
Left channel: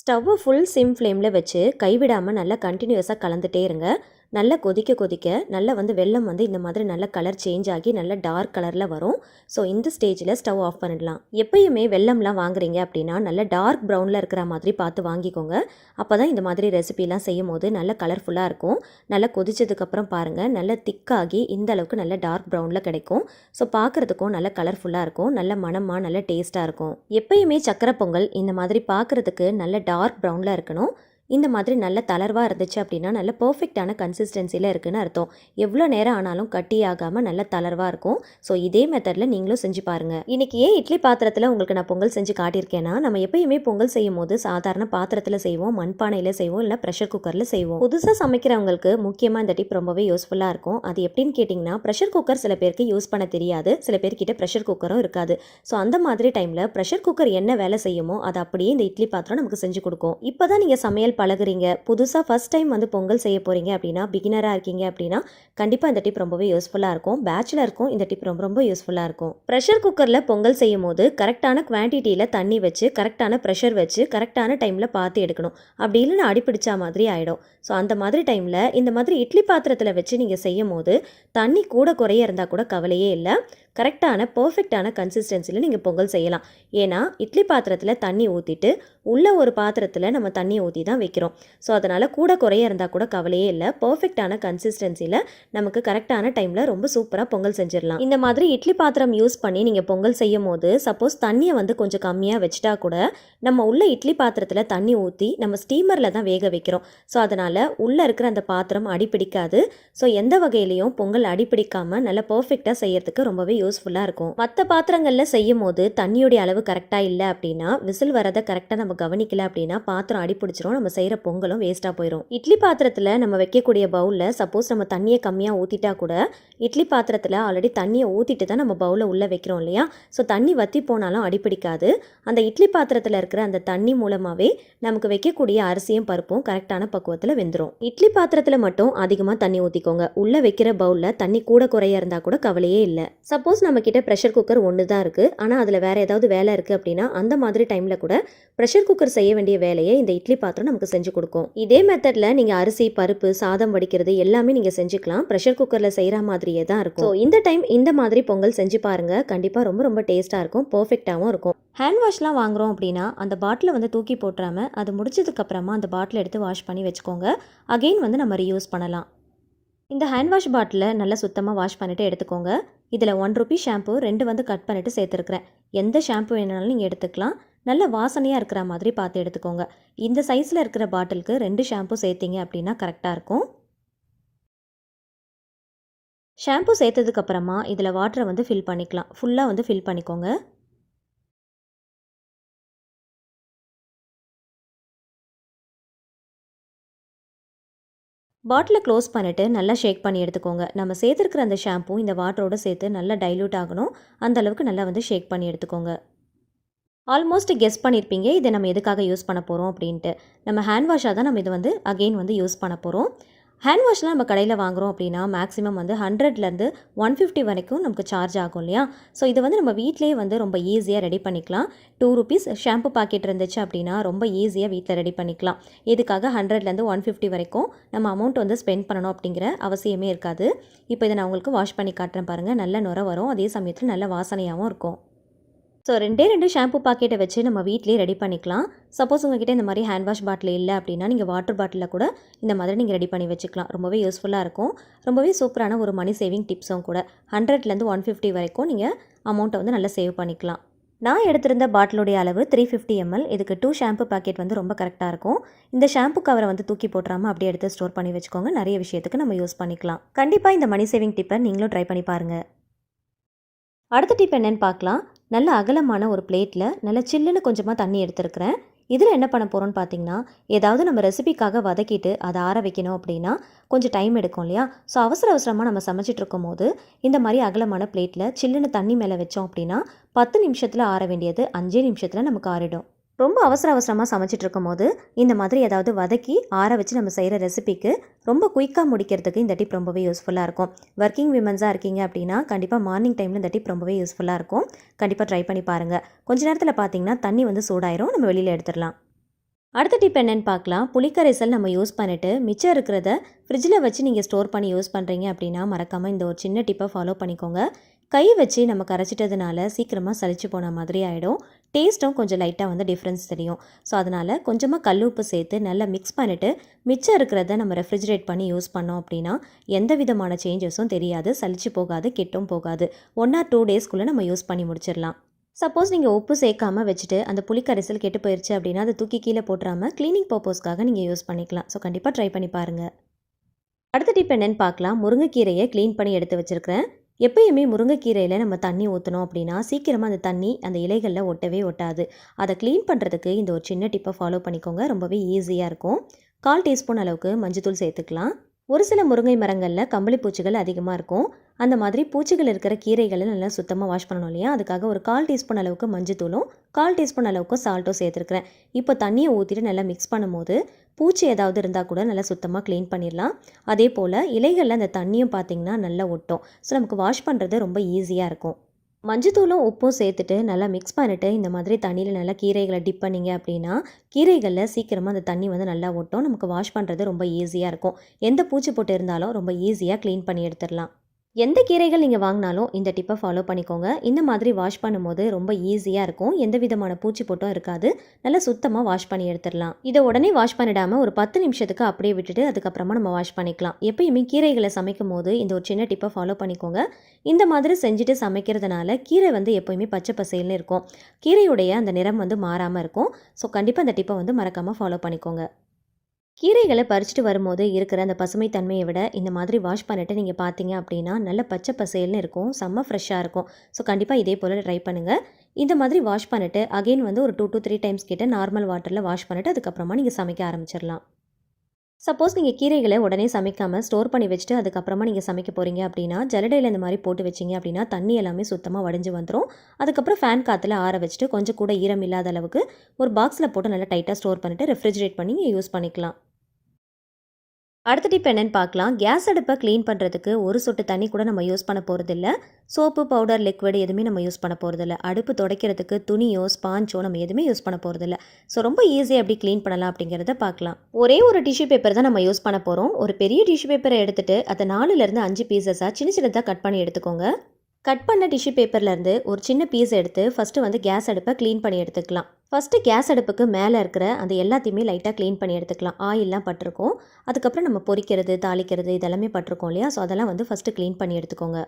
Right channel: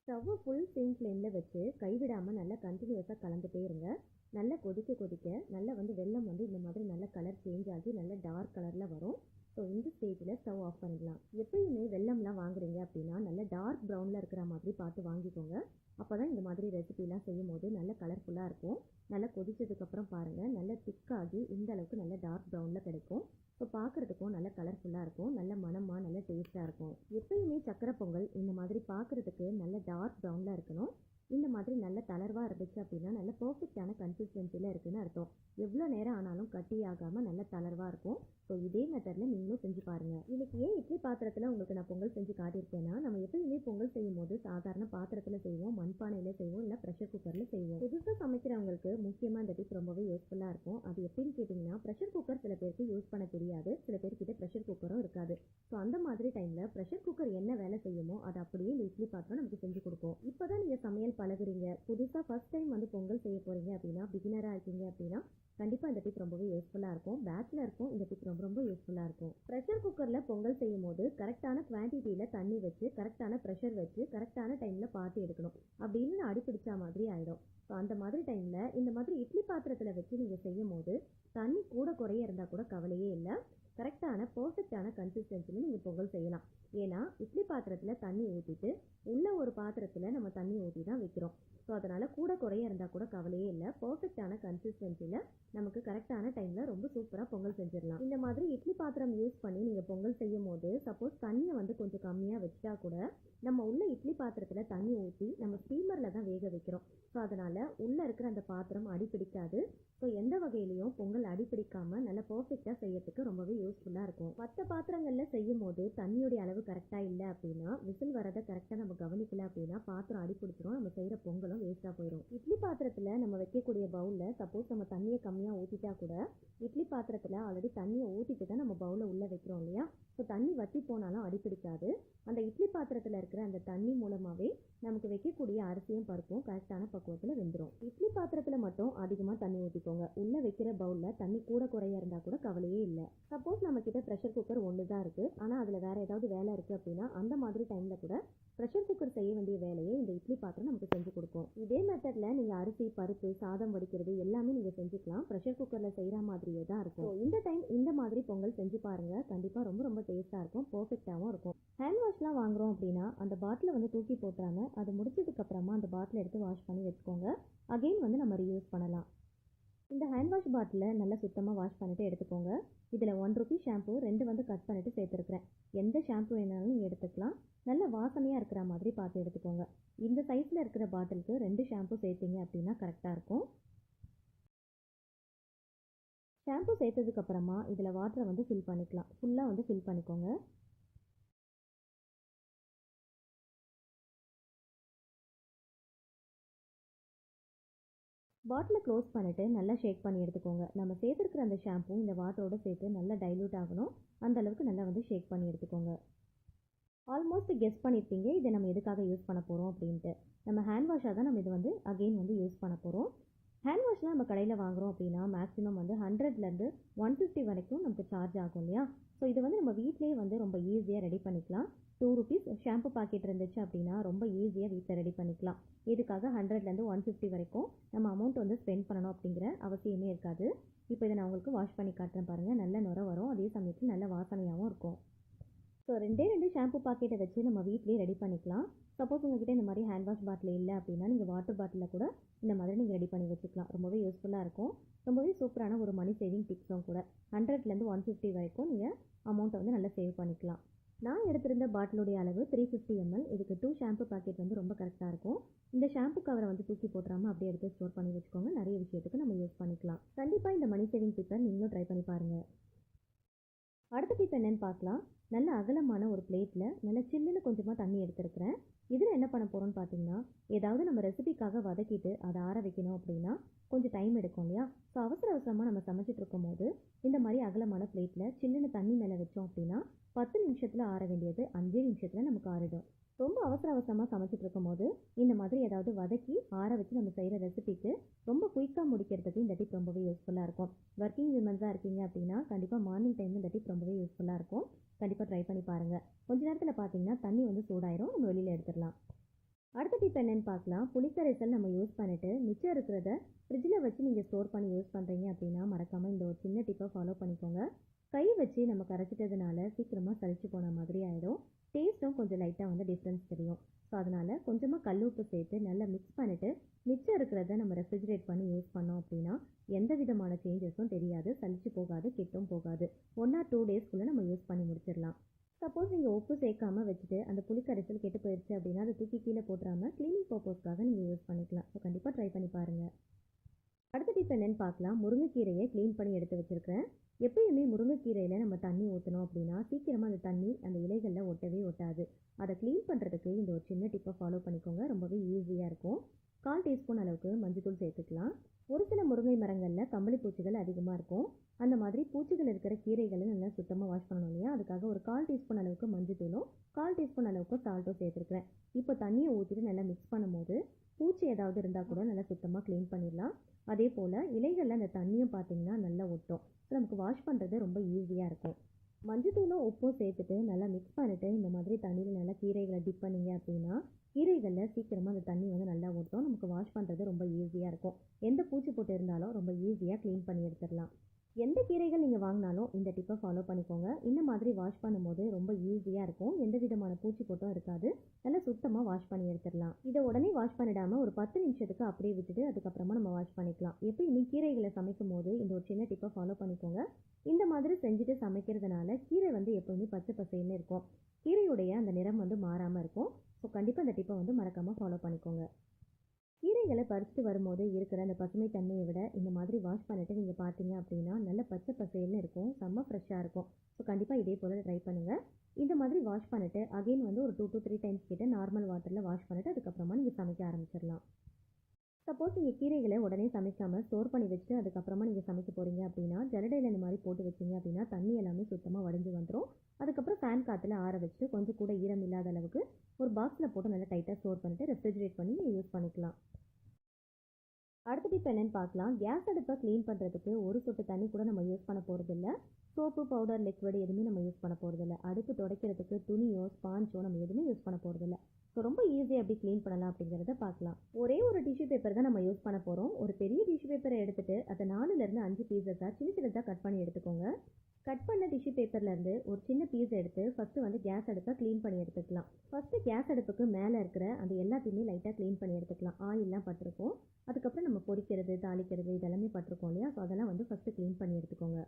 ஸ்டவ்வை ஃபுல் சிம் ஃப்ளேமில் வச்சு கைவிடாமல் நல்லா கண்டினியூஸாக கலந்துகிட்டே இருங்க. நல்லா கொதிக்க கொதிக்க நல்லா வந்து வெல்லம் வந்து இந்த மாதிரி நல்ல கலர் சேஞ்ச் ஆகி நல்ல டார்க் கலரில் வரும். ஸோ இந்த ஸ்டேஜில் ஸ்டவ் ஆஃப் பண்ணிடலாம். எப்பயுமே வெல்லம்லாம் வாங்குறீங்க அப்படின்னா நல்ல டார்க் ப்ரௌனில் இருக்கிற மாதிரி பார்த்து வாங்கிக்கோங்க. அப்போ தான் இந்த மாதிரி ரெசிபிலாம் செய்யும் போது நல்ல கலர்ஃபுல்லாக இருக்கும். நல்லா கொதிச்சதுக்கப்புறம் பாருங்கள் நல்ல திக்காகி இந்த அளவுக்கு நல்ல டார்க் ப்ரௌனில் கிடைக்கும். ஸோ பார்க்குறதுக்கும் நல்ல கலர்ஃபுல்லாக இருக்கும். நல்ல மணமாக நல்ல டேஸ்ட்டாக இருக்கும். எப்பயுமே சக்கரை பொங்கல் இந்த மாதிரி பார்க்குறதுக்கு நல்ல டார்க் ப்ரௌனில் இருக்கணும். இந்த மாதிரி நல்ல தளர்வாக இருந்துச்சு அப்படின்னா நல்ல பர்ஃபெக்டான கன்சிஸ்டன்சியில் இருக்குதுன்னு அர்த்தம். எவ்வளோ நேரம் ஆனாலும் கட்டி ஆகாமல் நல்ல தளர்வாக இருக்கும். ஸோ இதே மெத்தடில் நீங்களும் செஞ்சு பாருங்கள். இன்றைக்கி ஏன் இட்லி பாத்திரத்தில் உங்களுக்கு நான் பொங்கல் செஞ்சு காட்டியிருக்கேன்னா, நம்ம எப்பயுமே பொங்கல் செய்யும் போது சாதாரண பாத்திரத்தில் செய்வோம், மண்பானையில் செய்வோம், இல்லை ப்ரெஷர் குக்கரில் செய்வோம். புதுசாக சமைக்கிறவங்களுக்கு முக்கியமாக இந்த டிப் ரொம்பவே யூஸ்ஃபுல்லாக இருக்கும். அது எப்படின்னு கேட்டிங்கன்னா, ப்ரெஷர் குக்கர் சில பேருக்கு யூஸ் பண்ண தெரியாது, சில பேர்கிட்ட ப்ரெஷர் குக்கரும் இருக்காது. ஸோ அந்த மாதிரி டைமில் ப்ரெஷர் குக்கர் என்ன வேலை செய்யுமோ அதை அப்படியே இந்த இட்லி பாத்திரம் நமக்கு செஞ்சு கொடுக்கும். இப்போ தான் நீங்கள் சமையல் பழகுறீங்க, புதுசாக ஃபஸ்ட் டைம் வந்து பொங்கல் செய்ய போகிறீங்க அப்படின்னா, பிகினராக இருக்கீங்க அப்படின்னா கண்டிப்பாக இந்த டிப் ரொம்பவே யூஸ்ஃபுல்லாக இருக்கும். பேச்சுலருக்கும் இந்த டிப் ரொம்ப ரொம்ப யூஸ்ஃபுல்லாக இருக்கும். ப்ரெஷர் குக்கரில் பொங்கல் செய்யும் போது கரெக்டான குவான்டிட்டியில் தண்ணி வச்சு கரெக்டான ப்ரெஷர் வச்சு கரெக்டான டைமில் பார்த்து எடுக்கணும். அப்படி இல்லைன்னா அடிப்பிடிச்சா மாதிரி ஆகிடும். ஸோ அந்த மாதிரி டைமில் இந்த மாதிரி இட்லி பாத்திரத்தில் வச்சு நீங்கள் செய்யும் போது தண்ணி கூட குறைய இருந்தால் கூட கவலையே இல்லை. கரெக்டான பர்ஃபெக்டான கன்சிஸ்டன்சியில் நீங்கள் பொங்கல் செய்யலாம். ஏன்னா இட்லி பாத்திரத்தில் தண்ணி ஊற்றிட்டு உள்ள ஒரு பாத்திரத்தில் நம்ம தண்ணி ஊற்றி தான் வைக்கிறோம். ஸோ அதனால் கூட குறைய இருந்தால் கூட கவலையே இல்லை. பர்ஃபெக்டான கன்சிஸ்டன்சியில் நமக்கு கரெக்டான டைமில் ரொம்ப சூப்பராக பொங்கல் செஞ்சிடலாம். இந்த மாதிரி இட்லி பாத்திரம் யூஸ் பண்ணி நீங்கள் பொங்கல் செய்யும் போது சப்போஸ் தண்ணியை வந்து கொஞ்சம் கம்மியாக வச்சுட்டா கூட நம்ம உள்ள இட்லி பாத்திரத்தில் தண்ணி ஊற்றி நம்ம ஸ்டீமரில் தான் வேக வைக்கிறோம். ஸோ அதனால் உள்ளே இருக்கிற அந்த பாத்திரம் அடிப்பிடிக்காது. ஸோ எந்த வகையிலையும் பொங்கல் அடிப்பிடிக்காமல் நல்லா பர்ஃபெக்டாக செய்யறதுக்கு ரொம்பவே யூஸ்ஃபுல்லாக இருக்கும். மற்ற பாத்திரங்களில் செய்யும் போது தண்ணியோடைய அளவு கரெக்டாக இல்லை அப்படின்னா, விசில் வரதை கரெக்டாக நம்ம கவனிக்கல அப்படின்னா பாத்திரம் அடிப்பிடிச்சிரும், நம்ம செய்கிற பொங்கலும் வேஸ்ட்டாக போயிடும். இட்லி பாத்திரத்தில் நம்ம வைக்கக்கூடிய பவுலில் சப்போஸ் நம்ம தண்ணியை கம்மியாக ஊற்றிட்டா கூட இட்லி பாத்திரத்தில் ஆல்ரெடி தண்ணியை ஊற்றிட்டு தான் நம்ம பவுலில் உள்ளே வைக்கிறோம் இல்லையா? ஸோ தண்ணி வற்றி போனாலும் அடிப்பிடிக்காது. அந்த இட்லி பாத்திரத்தில் இருக்கிற அந்த தண்ணி மூலமாகவே நமக்கு வைக்கக்கூடிய அரிசியும் பருப்பும் கரெக்டான பக்குவத்தில் வெந்துடும். இட்லி பாத்திரத்தில் மட்டும் அதிகமாக தண்ணி ஊற்றிக்கோங்க. உள்ளே வைக்கிற பவுலில் தண்ணி கூட குறைய இருந்தால் கூட கவலையே இல்லை. சப்போஸ் நம்ம கிட்ட ப்ரெஷர் குக்கர் ஒன்று தான் இருக்குது, ஆனால் அதில் வேறு ஏதாவது வேலை இருக்குது அப்படின்னா அந்த மாதிரி டைமில் கூட ப்ரெஷர் குக்கர் செய்ய வேண்டிய வேலையை இந்த இட்லி பாத்திரம் நமக்கு செஞ்சு கொடுக்கும். இதே மெத்தடில் நீங்கள் அரிசி பருப்பு சாதம் வடிக்கிறது எல்லாமே நீங்கள் செஞ்சுக்கலாம். ப்ரெஷர் குக்கரில் செய்கிற மாதிரியே தான் இருக்கும். ஸோ இந்த டைம் இந்த மாதிரி பொங்கல் செஞ்சு பாருங்கள். கண்டிப்பாக ரொம்ப ரொம்ப டேஸ்ட்டாக இருக்கும், பர்ஃபெக்டாகவும் இருக்கும். ஹேண்ட் வாஷ்லாம் வாங்குகிறோம் அப்படின்னா அந்த பாட்டிலை வந்து தூக்கி போட்டுறாமல் அது முடிச்சதுக்கப்புறமா அந்த பாட்டிலை எடுத்து வாஷ் பண்ணி வச்சுக்கோங்க. அகெயின் வந்து நம்ம ரீயூஸ் பண்ணலாம். இந்த ஹேண்ட் வாஷ் பாட்டிலை நல்லா சுத்தமாக வாஷ் பண்ணிவிட்டு எடுத்துக்கோங்க. இதில் 1 ரூபி ஷாம்பு 2 வந்து கட் பண்ணிவிட்டு சேர்த்துருக்குறேன். எந்த ஷாம்பு வேணாலும் நீங்கள் எடுத்துக்கலாம். நல்ல வாசனையாக இருக்கிற மாதிரி பார்த்து எடுத்துக்கோங்க. இந்த சைஸில் இருக்கிற பாட்டிலுக்கு 2 ஷாம்பு சேர்த்திங்க அப்படின்னா கரெக்டாக இருக்கும். ஷாம்பு சேர்த்ததுக்கப்புறமா இதில் வாட்டரை வந்து ஃபில் பண்ணிக்கலாம். ஃபுல்லாக வந்து ஃபில் பண்ணிக்கோங்க. பாட்டிலை க்ளோஸ் பண்ணிவிட்டு நல்லா ஷேக் பண்ணி எடுத்துக்கோங்க. நம்ம சேர்த்துருக்கிற அந்த ஷாம்பு இந்த வாட்டரோடு சேர்த்து நல்லா டைல்யூட் ஆகணும். அந்தளவுக்கு நல்லா வந்து ஷேக் பண்ணி எடுத்துக்கோங்க. ஆல்மோஸ்ட் கெஸ் பண்ணியிருப்பீங்க இதை நம்ம எதுக்காக யூஸ் பண்ண போகிறோம் அப்படின்ட்டு. நம்ம ஹேண்ட் வாஷாக தான் நம்ம இதை வந்து அகெயின் வந்து யூஸ் பண்ண போகிறோம். ஹேண்ட் வாஷ்லாம் நம்ம கடையில் வாங்குகிறோம் அப்படின்னா மேக்ஸிமம் வந்து 100லேருந்து 150 வரைக்கும் நமக்கு சார்ஜ் ஆகும் இல்லையா? ஸோ இதை வந்து நம்ம வீட்டிலேயே வந்து ரொம்ப ஈஸியாக ரெடி பண்ணிக்கலாம். 2 ருபீஸ் ஷாம்பு பாக்கெட் இருந்துச்சு அப்படின்னா ரொம்ப ஈஸியாக வீட்டில் ரெடி பண்ணிக்கலாம். இதுக்காக 100லேருந்து 150 வரைக்கும் நம்ம அமௌண்ட் வந்து ஸ்பெண்ட் பண்ணணும் அப்படிங்கிற அவசியமே இருக்காது. இப்போ இதை நான் உங்களுக்கு வாஷ் பண்ணி காட்டுறேன் பாருங்கள். நல்ல நுரை வரும், அதே சமயத்தில் நல்ல வாசனையாகவும் இருக்கும். ஸோ 2 ஷாம்பு பாக்கெட்டை வச்சு நம்ம வீட்டிலே ரெடி பண்ணிக்கலாம். சப்போஸ் உங்கள்கிட்ட இந்த மாதிரி ஹேண்ட் வாஷ் பாட்டில் இல்லை அப்படின்னா நீங்கள் வாட்டர் பாட்டிலில் கூட இந்த மாதிரி நீங்கள் ரெடி பண்ணி வச்சுக்கலாம். ரொம்பவே யூஸ்ஃபுல்லாக இருக்கும். ரொம்பவே சூப்பரான ஒரு மணி சேவிங் டிப்ஸும் கூட. 100லேருந்து 150 வரைக்கும் நீங்கள் அமௌண்ட்டை வந்து நல்லா சேவ் பண்ணிக்கலாம். நான் எடுத்திருந்த பாட்டிலுடைய அளவு 350 ml. இதுக்கு 2 ஷாம்பு பாக்கெட் வந்து ரொம்ப கரெக்டாக இருக்கும். இந்த ஷாம்பு கவரை வந்து தூக்கி போட்டுறாமல் அப்படியே எடுத்து ஸ்டோர் பண்ணி வச்சுக்கோங்க. நிறைய விஷயத்துக்கு நம்ம யூஸ் பண்ணிக்கலாம். கண்டிப்பாக இந்த மணி சேவிங் டிப்பை நீங்களும் ட்ரை பண்ணி பாருங்கள். அடுத்த டிப் என்னென்னு பார்க்கலாம். நல்ல அகலமான ஒரு பிளேட்டில் நல்ல சில்லுன்னு கொஞ்சமாக தண்ணி எடுத்துருக்கிறேன். இதில் என்ன பண்ண போகிறோன்னு பார்த்தீங்கன்னா, ஏதாவது நம்ம ரெசிபிக்காக வதக்கிட்டு அதை ஆற வைக்கணும் அப்படின்னா கொஞ்சம் டைம் எடுக்கும் இல்லையா? ஸோ அவசரமாக நம்ம சமைச்சிட்டு இருக்கும் போது இந்த மாதிரி அகலமான பிளேட்டில் சில்லுன்னு தண்ணி மேலே வச்சோம் அப்படின்னா 10 நிமிஷத்தில் ஆற வேண்டியது 5 நிமிஷத்தில் நமக்கு ஆறிடும். ரொம்ப அவசரமாக சமைச்சிட்டு இருக்கும்போது இந்த மாதிரி ஏதாவது வதக்கி ஆற வச்சு நம்ம செய்கிற ரெசிபிக்கு ரொம்ப குயிக்காக முடிக்கிறதுக்கு இந்த டிப் ரொம்பவே யூஸ்ஃபுல்லாக இருக்கும். ஒர்க்கிங் விமன்ஸாக இருக்கீங்க அப்படின்னா கண்டிப்பாக மார்னிங் டைமில் இந்த டிப் ரொம்பவே யூஸ்ஃபுல்லாக இருக்கும். கண்டிப்பாக ட்ரை பண்ணி பாருங்கள். கொஞ்ச நேரத்தில் பார்த்தீங்கன்னா தண்ணி வந்து சூடாயிரும், நம்ம வெளியில் எடுத்துடலாம். அடுத்த டிப் என்னென்னு பார்க்கலாம். புளிக்கரைசல் நம்ம யூஸ் பண்ணிவிட்டு மிச்சம் இருக்கிறத ஃப்ரிட்ஜில் வச்சு நீங்கள் ஸ்டோர் பண்ணி யூஸ் பண்ணுறீங்க அப்படின்னா மறக்காமல் இந்த ஒரு சின்ன டிப்பை ஃபாலோ பண்ணிக்கோங்க. கை வச்சு நம்ம கரைச்சிட்டதுனால சீக்கிரமாக சலிச்சு போன மாதிரி ஆகிடும். டேஸ்ட்டும் கொஞ்சம் லைட்டாக வந்து டிஃப்ரென்ஸ் தெரியும். ஸோ அதனால் கொஞ்சமாக கல் உப்பு சேர்த்து நல்லா மிக்ஸ் பண்ணிவிட்டு மிச்சம் இருக்கிறத நம்ம ரெஃப்ரிஜரேட் பண்ணி யூஸ் பண்ணோம் அப்படின்னா எந்த விதமான சேஞ்சஸும் தெரியாது, சலிச்சு போகாது, கெட்டும் போகாது. 1 or 2 டேஸ்க்குள்ளே நம்ம யூஸ் பண்ணி முடிச்சிடலாம். சப்போஸ் நீங்கள் உப்பு சேர்க்காமல் வச்சுட்டு அந்த புளிக்கரைசல் கெட்டு போயிடுச்சு அப்படின்னா அதை தூக்கி கீழே போட்டுறாமல் க்ளீனிங் பர்பஸ்க்காக நீங்கள் யூஸ் பண்ணிக்கலாம். ஸோ கண்டிப்பாக ட்ரை பண்ணி பாருங்கள். அடுத்த டிப் என்னென்னு பார்க்கலாம். முருங்கைக்கீரையை க்ளீன் பண்ணி எடுத்து வச்சுருக்கிறேன். எப்பயுமே முருங்கைக்கீரையில் நம்ம தண்ணி ஊற்றணும் அப்படின்னா சீக்கிரமாக அந்த தண்ணி அந்த இலைகளில் ஒட்டவே ஒட்டாது. அதை க்ளீன் பண்ணுறதுக்கு இந்த ஒரு சின்ன டிப்பை ஃபாலோ பண்ணிக்கோங்க. ரொம்பவே ஈஸியாக இருக்கும். 1/4 டீஸ்பூன் அளவுக்கு மஞ்சத்தூள் சேர்த்துக்கலாம். ஒரு சில முருங்கை மரங்களில் கம்பளி பூச்சிகள் அதிகமாக இருக்கும். அந்த மாதிரி பூச்சிகள் இருக்கிற கீரைகளை நல்லா சுத்தமாக வாஷ் பண்ணணும் இல்லையா? அதுக்காக ஒரு 1/4 டீஸ்பூன் அளவுக்கு மஞ்சத்தூளும் 1/4 டீஸ்பூன் அளவுக்கு சால்ட்டும் சேர்த்துருக்கிறேன். இப்போ தண்ணியை ஊற்றிட்டு நல்லா மிக்ஸ் பண்ணும்போது பூச்சி ஏதாவது இருந்தால் கூட நல்லா சுத்தமாக க்ளீன் பண்ணிடலாம். அதே போல் இலைகளில் அந்த தண்ணியும் பார்த்திங்கன்னா நல்லா ஒட்டும். ஸோ நமக்கு வாஷ் பண்ணுறது ரொம்ப ஈஸியாக இருக்கும். மஞ்சத்தூளும் உப்பும் சேர்த்துட்டு நல்லா மிக்ஸ் பண்ணிவிட்டு இந்த மாதிரி தண்ணியில் நல்லா கீரைகளை டிப் பண்ணிங்க அப்படின்னா கீரைகளில் சீக்கிரமாக அந்த தண்ணி வந்து நல்லா ஒட்டும். நமக்கு வாஷ் பண்ணுறது ரொம்ப ஈஸியாக இருக்கும். எந்த பூச்சி போட்டு இருந்தாலும் ரொம்ப ஈஸியாக க்ளீன் பண்ணி எடுத்துடலாம். எந்த கீரைகள் நீங்கள் வாங்கினாலும் இந்த டிப்பை ஃபாலோ பண்ணிக்கோங்க. இந்த மாதிரி வாஷ் பண்ணும்போது ரொம்ப ஈஸியாக இருக்கும். எந்த விதமான பூச்சி போட்டும் இருக்காது. நல்லா சுத்தமாக வாஷ் பண்ணி எடுத்துடலாம். இதை உடனே வாஷ் பண்ணிடாமல் ஒரு 10 நிமிஷத்துக்கு அப்படியே விட்டுட்டு அதுக்கப்புறமா நம்ம வாஷ் பண்ணிக்கலாம். எப்பயுமே கீரைகளை சமைக்கும் போது இந்த ஒரு சின்ன டிப்பை ஃபாலோ பண்ணிக்கோங்க. இந்த மாதிரி செஞ்சுட்டு சமைக்கிறதுனால கீரை வந்து எப்பயுமே பச்சை பசேல்னு இருக்கும். கீரையுடைய அந்த நிறம் வந்து மாறாமல் இருக்கும். ஸோ கண்டிப்பாக இந்த டிப்பை வந்து மறக்காமல் ஃபாலோ பண்ணிக்கோங்க. கீரைகளை பறிச்சுட்டு வரும்போது இருக்கிற அந்த பசுமை தன்மையை விட இந்த மாதிரி வாஷ் பண்ணிவிட்டு நீங்கள் பார்த்தீங்க அப்படின்னா நல்ல பச்சை பசேல்னு இருக்கும், செம்ம ஃப்ரெஷ்ஷாக இருக்கும். ஸோ கண்டிப்பாக இதே போல் ட்ரை பண்ணுங்கள். இந்த மாதிரி வாஷ் பண்ணிவிட்டு அகெயின் வந்து ஒரு 2 to 3 டைம்ஸ் கிட்ட நார்மல் வாட்டரில் வாஷ் பண்ணிவிட்டு அதுக்கப்புறமா நீங்கள் சமைக்க ஆரம்பிச்சிடலாம். சப்போஸ் நீங்கள் கீரைகளை உடனே சமைக்காமல் ஸ்டோர் பண்ணி வச்சுட்டு அதுக்கப்புறமா நீங்கள் சமைக்க போகிறீங்க அப்படின்னா ஜல்லடையில் இந்த மாதிரி போட்டு வச்சிங்க அப்படின்னா தண்ணி எல்லாமே சுத்தமாக வடிஞ்சு வந்துடும். அதுக்கப்புறம் ஃபேன் காற்றுல ஆற வச்சுட்டு கொஞ்சம் கூட ஈரம் இல்லாத அளவுக்கு ஒரு பாக்ஸில் போட்டு நல்லா டைட்டாக ஸ்டோர் பண்ணிவிட்டு ரெஃப்ரிஜரேட் பண்ணி யூஸ் பண்ணிக்கலாம். அடுத்த டிப் என்னென்னு பார்க்கலாம். கேஸ் அடுப்பை க்ளீன் பண்ணுறதுக்கு ஒரு சொட்டு தண்ணி கூட நம்ம யூஸ் பண்ண போகிறதில்ல. சோப்பு, பவுடர், லிக்விட் எதுவுமே நம்ம யூஸ் பண்ண போகிறதில்ல. அடுப்பு துடைக்கிறதுக்கு துணியோ ஸ்பாஞ்சோ நம்ம எதுவுமே யூஸ் பண்ண போகிறதில்ல. ஸோ ரொம்ப ஈஸியாக எப்படி க்ளீன் பண்ணலாம் அப்படிங்கிறத பார்க்கலாம். ஒரே ஒரு டிஷ்யூ பேப்பர் தான் நம்ம யூஸ் பண்ண போகிறோம். ஒரு பெரிய டிஷ்யூ பேப்பரை எடுத்துகிட்டு அதை 4லேருந்து 5 பீசஸாக சின்ன சின்னதாக கட் பண்ணி எடுத்துக்கோங்க. கட் பண்ண டிஷ்யூ பேப்பர்லேருந்து ஒரு சின்ன பீஸ் எடுத்து ஃபஸ்ட்டு வந்து கேஸ் அடுப்பை க்ளீன் பண்ணி எடுத்துக்கலாம். ஃபஸ்ட்டு கேஸ் அடுப்புக்கு மேலே இருக்கிற அந்த எல்லாத்தையுமே லைட்டாக க்ளீன் பண்ணி எடுத்துக்கலாம். ஆயிலெலாம் பட்டிருக்கும். அதுக்கப்புறம் நம்ம பொரிக்கிறது, தாளிக்கிறது இதெல்லாமே பட்டிருக்கோம் இல்லையா? ஸோ அதெல்லாம் வந்து ஃபஸ்ட்டு க்ளீன் பண்ணி எடுத்துக்கோங்க.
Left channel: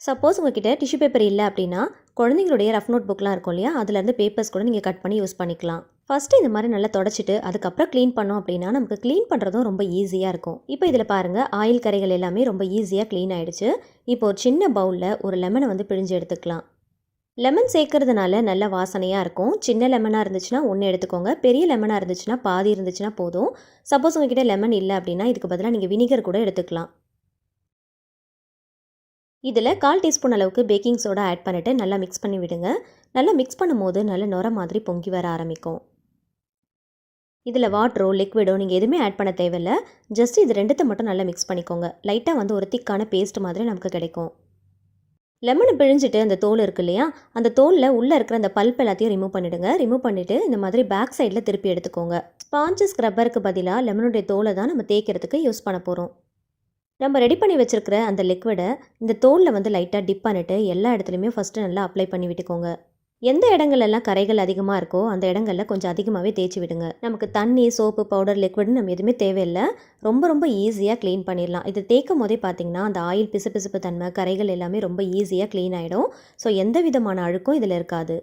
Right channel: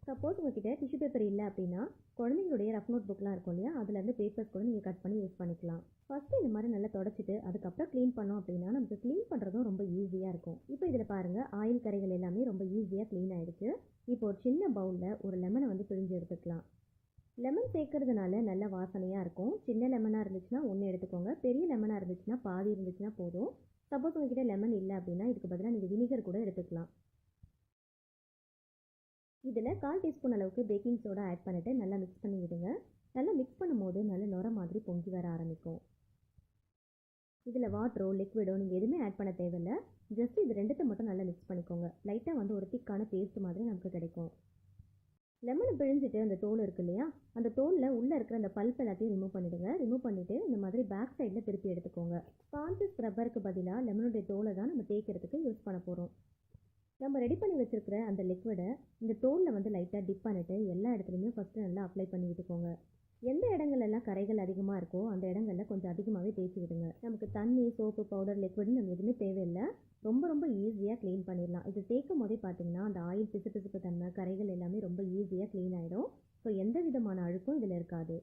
சப்போஸ் உங்ககிட்ட டிஷ்யூ பேப்பர் இல்லை அப்படின்னா குழந்தைங்களுடைய ரஃப் நோட் புக்லாம் இருக்கும் இல்லையா? அதுலேருந்து பேப்பர்ஸ் கூட நீங்கள் கட் பண்ணி யூஸ் பண்ணிக்கலாம். ஃபஸ்ட்டு இந்த மாதிரி நல்லா தொடச்சிட்டு அதுக்கப்புறம் க்ளீன் பண்ணோம் அப்படின்னா நமக்கு க்ளீன் பண்ணுறதும் ரொம்ப ஈஸியாக இருக்கும். இப்போ இதில் பாருங்கள், ஆயில் கரைகள் எல்லாமே ரொம்ப ஈஸியாக க்ளீன் ஆகிடுச்சு. இப்போ ஒரு சின்ன பவுலில் ஒரு லெமனை வந்து பிழிஞ்சு எடுத்துக்கலாம். லெமன் சேர்க்கறதுனால நல்ல வாசனையாக இருக்கும். சின்ன லெமனாக இருந்துச்சுன்னா 1 எடுத்துக்கோங்க. பெரிய லெமனாக இருந்துச்சுன்னா பாதி இருந்துச்சுன்னா போதும். சப்போஸ் உங்ககிட்ட லெமன் இல்லை அப்படின்னா இதுக்கு பதிலாக நீங்கள் வினிகர் கூட எடுத்துக்கலாம். இதில் 1/4 டீஸ்பூன் அளவுக்கு பேக்கிங் சோடா ஆட் பண்ணிவிட்டு நல்லா மிக்ஸ் பண்ணி விடுங்க. நல்லா மிக்ஸ் பண்ணும்போது நல்ல நுர மாதிரி பொங்கி வர ஆரம்பிக்கும். இதில் வாட்டரோ லிக்விடோ நீங்கள் எதுவுமே ஆட் பண்ண தேவையில்லை. ஜஸ்ட் இது 2த்தை மட்டும் நல்லா மிக்ஸ் பண்ணிக்கோங்க. லைட்டாக வந்து ஒரு திக்கான பேஸ்ட் மாதிரி நமக்கு கிடைக்கும். லெமனை பிழிஞ்சிட்டு அந்த தோல் இருக்கு இல்லையா? அந்த தோலில் உள்ளே இருக்கிற அந்த பல்ப் எல்லாத்தையும் ரிமூவ் பண்ணிவிடுங்க. ரிமூவ் பண்ணிவிட்டு இந்த மாதிரி பேக் சைடில் திருப்பி எடுத்துக்கோங்க. ஸ்பாஞ்சு ஸ்க்ரப்பருக்கு பதிலாக லெமனுடைய தோலை தான் நம்ம தேய்க்கிறதுக்கு யூஸ் பண்ண போகிறோம். நம்ம ரெடி பண்ணி வச்சுருக்கிற அந்த லிக்விடை இந்த தோலில் வந்து லைட்டாக டிப் பண்ணிவிட்டு எல்லா இடத்துலையுமே ஃபஸ்ட்டு நல்லா அப்ளை பண்ணி விட்டுக்கோங்க. எந்த இடங்கள்லாம் கரைகள் அதிகமாக இருக்கோ அந்த இடங்களில் கொஞ்சம் அதிகமாகவே தேய்ச்சி விடுங்க. நமக்கு தண்ணி, சோப்பு, பவுடர், லிக்விட்னு நம்ம எதுவுமே தேவையில்லை. ரொம்ப ஈஸியாக க்ளீன் பண்ணிடலாம். இது தேய்க்கும் போதே பார்த்திங்கன்னா அந்த ஆயில் பிசுபிசுப்பு தன்மை, கரைகள் எல்லாமே ரொம்ப ஈஸியாக க்ளீன் ஆகிடும். ஸோ எந்த விதமான அழுக்கும் இதில் இருக்காது.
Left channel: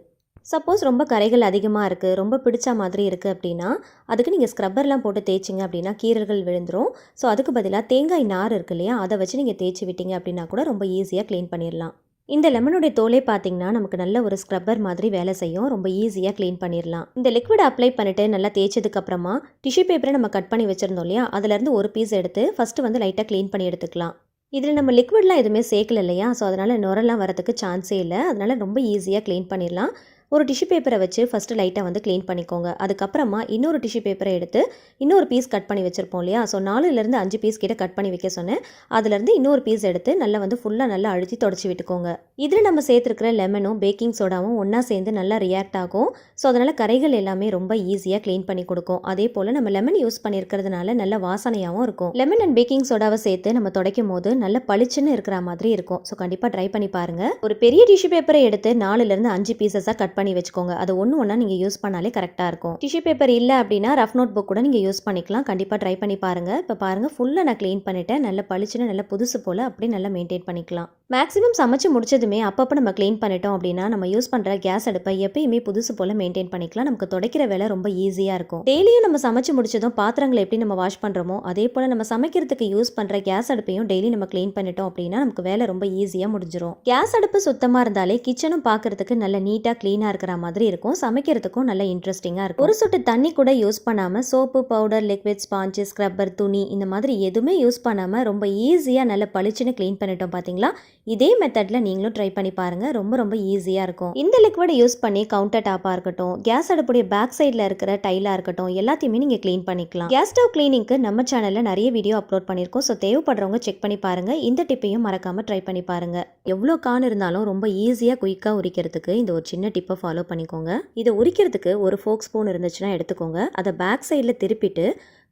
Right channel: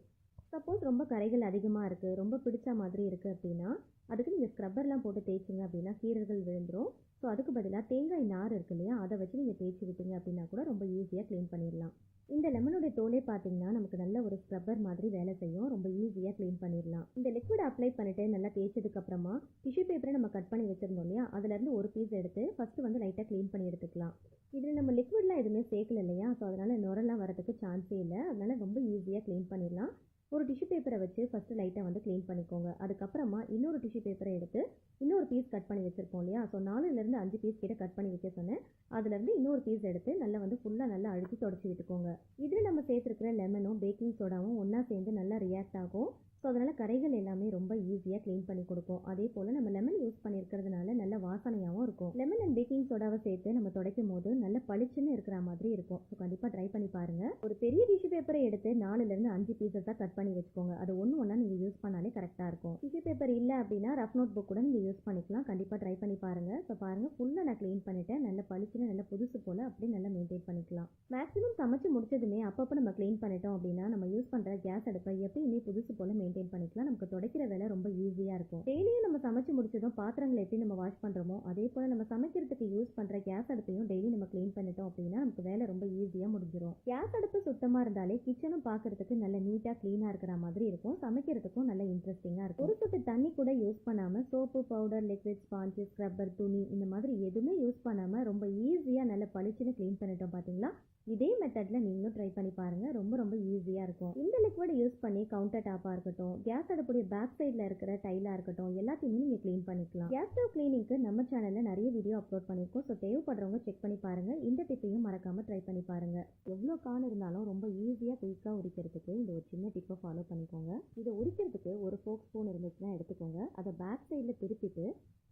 சப்போஸ் ரொம்ப கரைகள் அதிகமாக இருக்குது, ரொம்ப பிடிச்ச மாதிரி இருக்குது அப்படின்னா, அதுக்கு நீங்கள் ஸ்க்ரப்பர்லாம் போட்டு தேய்ச்சிங்க அப்படின்னா கீறல்கள் விழுந்துரும். ஸோ அதுக்கு பதிலாக தேங்காய் நார் இருக்கு இல்லையா, அதை வச்சு நீங்கள் தேய்ச்சி விட்டீங்க அப்படின்னா கூட ரொம்ப ஈஸியாக க்ளீன் பண்ணிடலாம். இந்த லெமனுடைய தோலே பார்த்தீங்கன்னா நமக்கு நல்ல ஒரு ஸ்க்ரப்பர் மாதிரி வேலை செய்யும். ரொம்ப ஈஸியாக க்ளீன் பண்ணிடலாம். இந்த லிக்விட் அப்ளை பண்ணிவிட்டு நல்லா தேய்ச்சதுக்கப்புறமா டிஷ்யூ பேப்பரை நம்ம கட் பண்ணி வச்சுருந்தோம் இல்லையா, அதுலேருந்து ஒரு பீஸ் எடுத்து ஃபஸ்ட்டு வந்து லைட்டாக க்ளீன் பண்ணி எடுத்துக்கலாம். இதில் நம்ம லிக்விட்லாம் எதுவுமே சேர்க்கல இல்லையா, ஸோ அதனால் நுரெல்லாம் வரதுக்கு சான்ஸே இல்லை. அதனால் ரொம்ப ஈஸியாக க்ளீன் பண்ணிடலாம். ஒரு டிஷ்யூ பேப்பரை வச்சு ஃபஸ்ட்டு லைட்டாக வந்து க்ளீன் பண்ணிக்கோங்க. அதுக்கப்புறமா இன்னொரு டிஷ்யூ பேப்பரை எடுத்து இன்னொரு பீஸ் கட் பண்ணி வச்சுருப்போம் இல்லையா, ஸோ 4லேருந்து 5 பீஸ் கிட்ட கட் பண்ணி வைக்க சொன்னேன். அதுலேருந்து இன்னொரு பீஸ் எடுத்து நல்லா வந்து ஃபுல்லாக நல்லா அழுத்தி தொடச்சி விட்டுக்கோங்க. இதில் நம்ம சேர்த்துருக்கிற லெமனும் பேக்கிங் சோடாவும் ஒன்றா சேர்ந்து நல்லா ரியாக்ட் ஆகும். ஸோ அதனால் கரைகள் எல்லாமே ரொம்ப ஈஸியாக க்ளீன் பண்ணி கொடுக்கும். அதே போல் நம்ம லெமன் யூஸ் பண்ணியிருக்கிறதுனால நல்ல வாசனையாகவும் இருக்கும். லெமன் அண்ட் பேக்கிங் சோடாவை சேர்த்து நம்ம துடைக்கும் போது நல்ல பளிச்சுன்னு இருக்கிற மாதிரி இருக்கும். ஸோ கண்டிப்பாக ட்ரை பண்ணி பாருங்கள். ஒரு பெரிய டிஷ்யூ பேப்பரை எடுத்து 4லேருந்து 5 பீசஸாக கட் பண்ணி வச்சுக்கோங்க. அது ஒன்றா நீங்கள் யூஸ் பண்ணாலே கரெக்டாக இருக்கும். டிஷ்யூ பேப்பர் இல்லை அப்படின்னா ரஃப் நோட் புக் கூட நீங்கள் யூஸ் பண்ணிக்கலாம். கண்டிப்பாக ட்ரை பண்ணி பாருங்கள். இப்போ பாருங்கள், ஃபுல்லாக நான் க்ளீன் பண்ணிட்டேன். நல்ல பளிச்சுன்னு நல்ல புதுசு போல் அப்படியே நல்லா மெயின்டைன் பண்ணிக்கலாம். மேக்ஸிமம் சமைச்சு முடிச்சதுமே அப்பப்போ நம்ம க்ளீன் பண்ணிட்டோம் அப்படின்னா நம்ம யூஸ் பண்ணுற கேஸ் அடுப்பை எப்பயுமே புதுசு போல் மெயின்டைன் பண்ணிக்கலாம். நமக்கு துடைக்கிற வேலை ரொம்ப ஈஸியாக இருக்கும். டெய்லியும் நம்ம சமைச்சு முடிச்சதும் பாத்திரங்களை எப்படி நம்ம வாஷ் பண்ணுறோமோ அதே போல் நம்ம சமைக்கிறதுக்கு யூஸ் பண்ணுற கேஸ் அடுப்பையும் டெய்லி நம்ம க்ளீன் பண்ணிட்டோம் அப்படின்னா நமக்கு வேலை ரொம்ப ஈஸியாக முடிஞ்சிடும். கேஸ் அடுப்பு சுத்தமாக இருந்தாலே கிச்சனும் பார்க்கறதுக்கு நல்ல நீட்டாக க்ளீனாக இருக்கிற மாதிரி இருக்கும். சமைக்கிறதுக்கும் நல்ல இன்ட்ரெஸ்டிங்காக இருக்கும். ஒரு சொட்டு தண்ணி கூட யூஸ் பண்ணாமல் soap, powder, liquid, sponge, scrubber, துணி இந்த மாதிரி எதுவுமே யூஸ் பண்ணாமல் ரொம்ப ஈஸியாக நல்ல பளிச்சுன்னு க்ளீன் பண்ணிட்டோம். பார்த்தீங்களா? இதே மெத்தடில் நீங்களும் ட்ரை பண்ணி பாருங்கள். ரொம்ப ரொம்ப ஈஸியாக இருக்கும். இந்த லிக்விடை யூஸ் பண்ணி கவுண்டர் டாப்பாக இருக்கட்டும், கேஸ் அடுப்புடைய பேக் சைடில் இருக்கிற டைலாக இருக்கட்டும், எல்லாத்தையுமே நீங்கள் க்ளீன் பண்ணிக்கலாம். கேஸ் ஸ்டவ் க்ளீனிங்க்கு நம்ம சேனலில் நிறைய வீடியோ அப்லோட் பண்ணியிருக்கோம். ஸோ தேவைப்படுறவங்க செக் பண்ணி பாருங்கள். இந்த டிப்பையும் மறக்காமல் ட்ரை பண்ணி பாருங்கள். எவ்வளோ கான் இருந்தாலும் ரொம்ப ஈஸியாக குயிக்காக உரிக்கிறதுக்கு இந்த ஒரு சின்ன டிப்பை ஃபாலோ பண்ணிக்கோங்க. இதை உரிக்கிறதுக்கு ஒரு ஃபோக் ஸ்பூன் இருந்துச்சுன்னா எடுத்துக்கோங்க. அதை பேக் சைடில் திருப்பிட்டு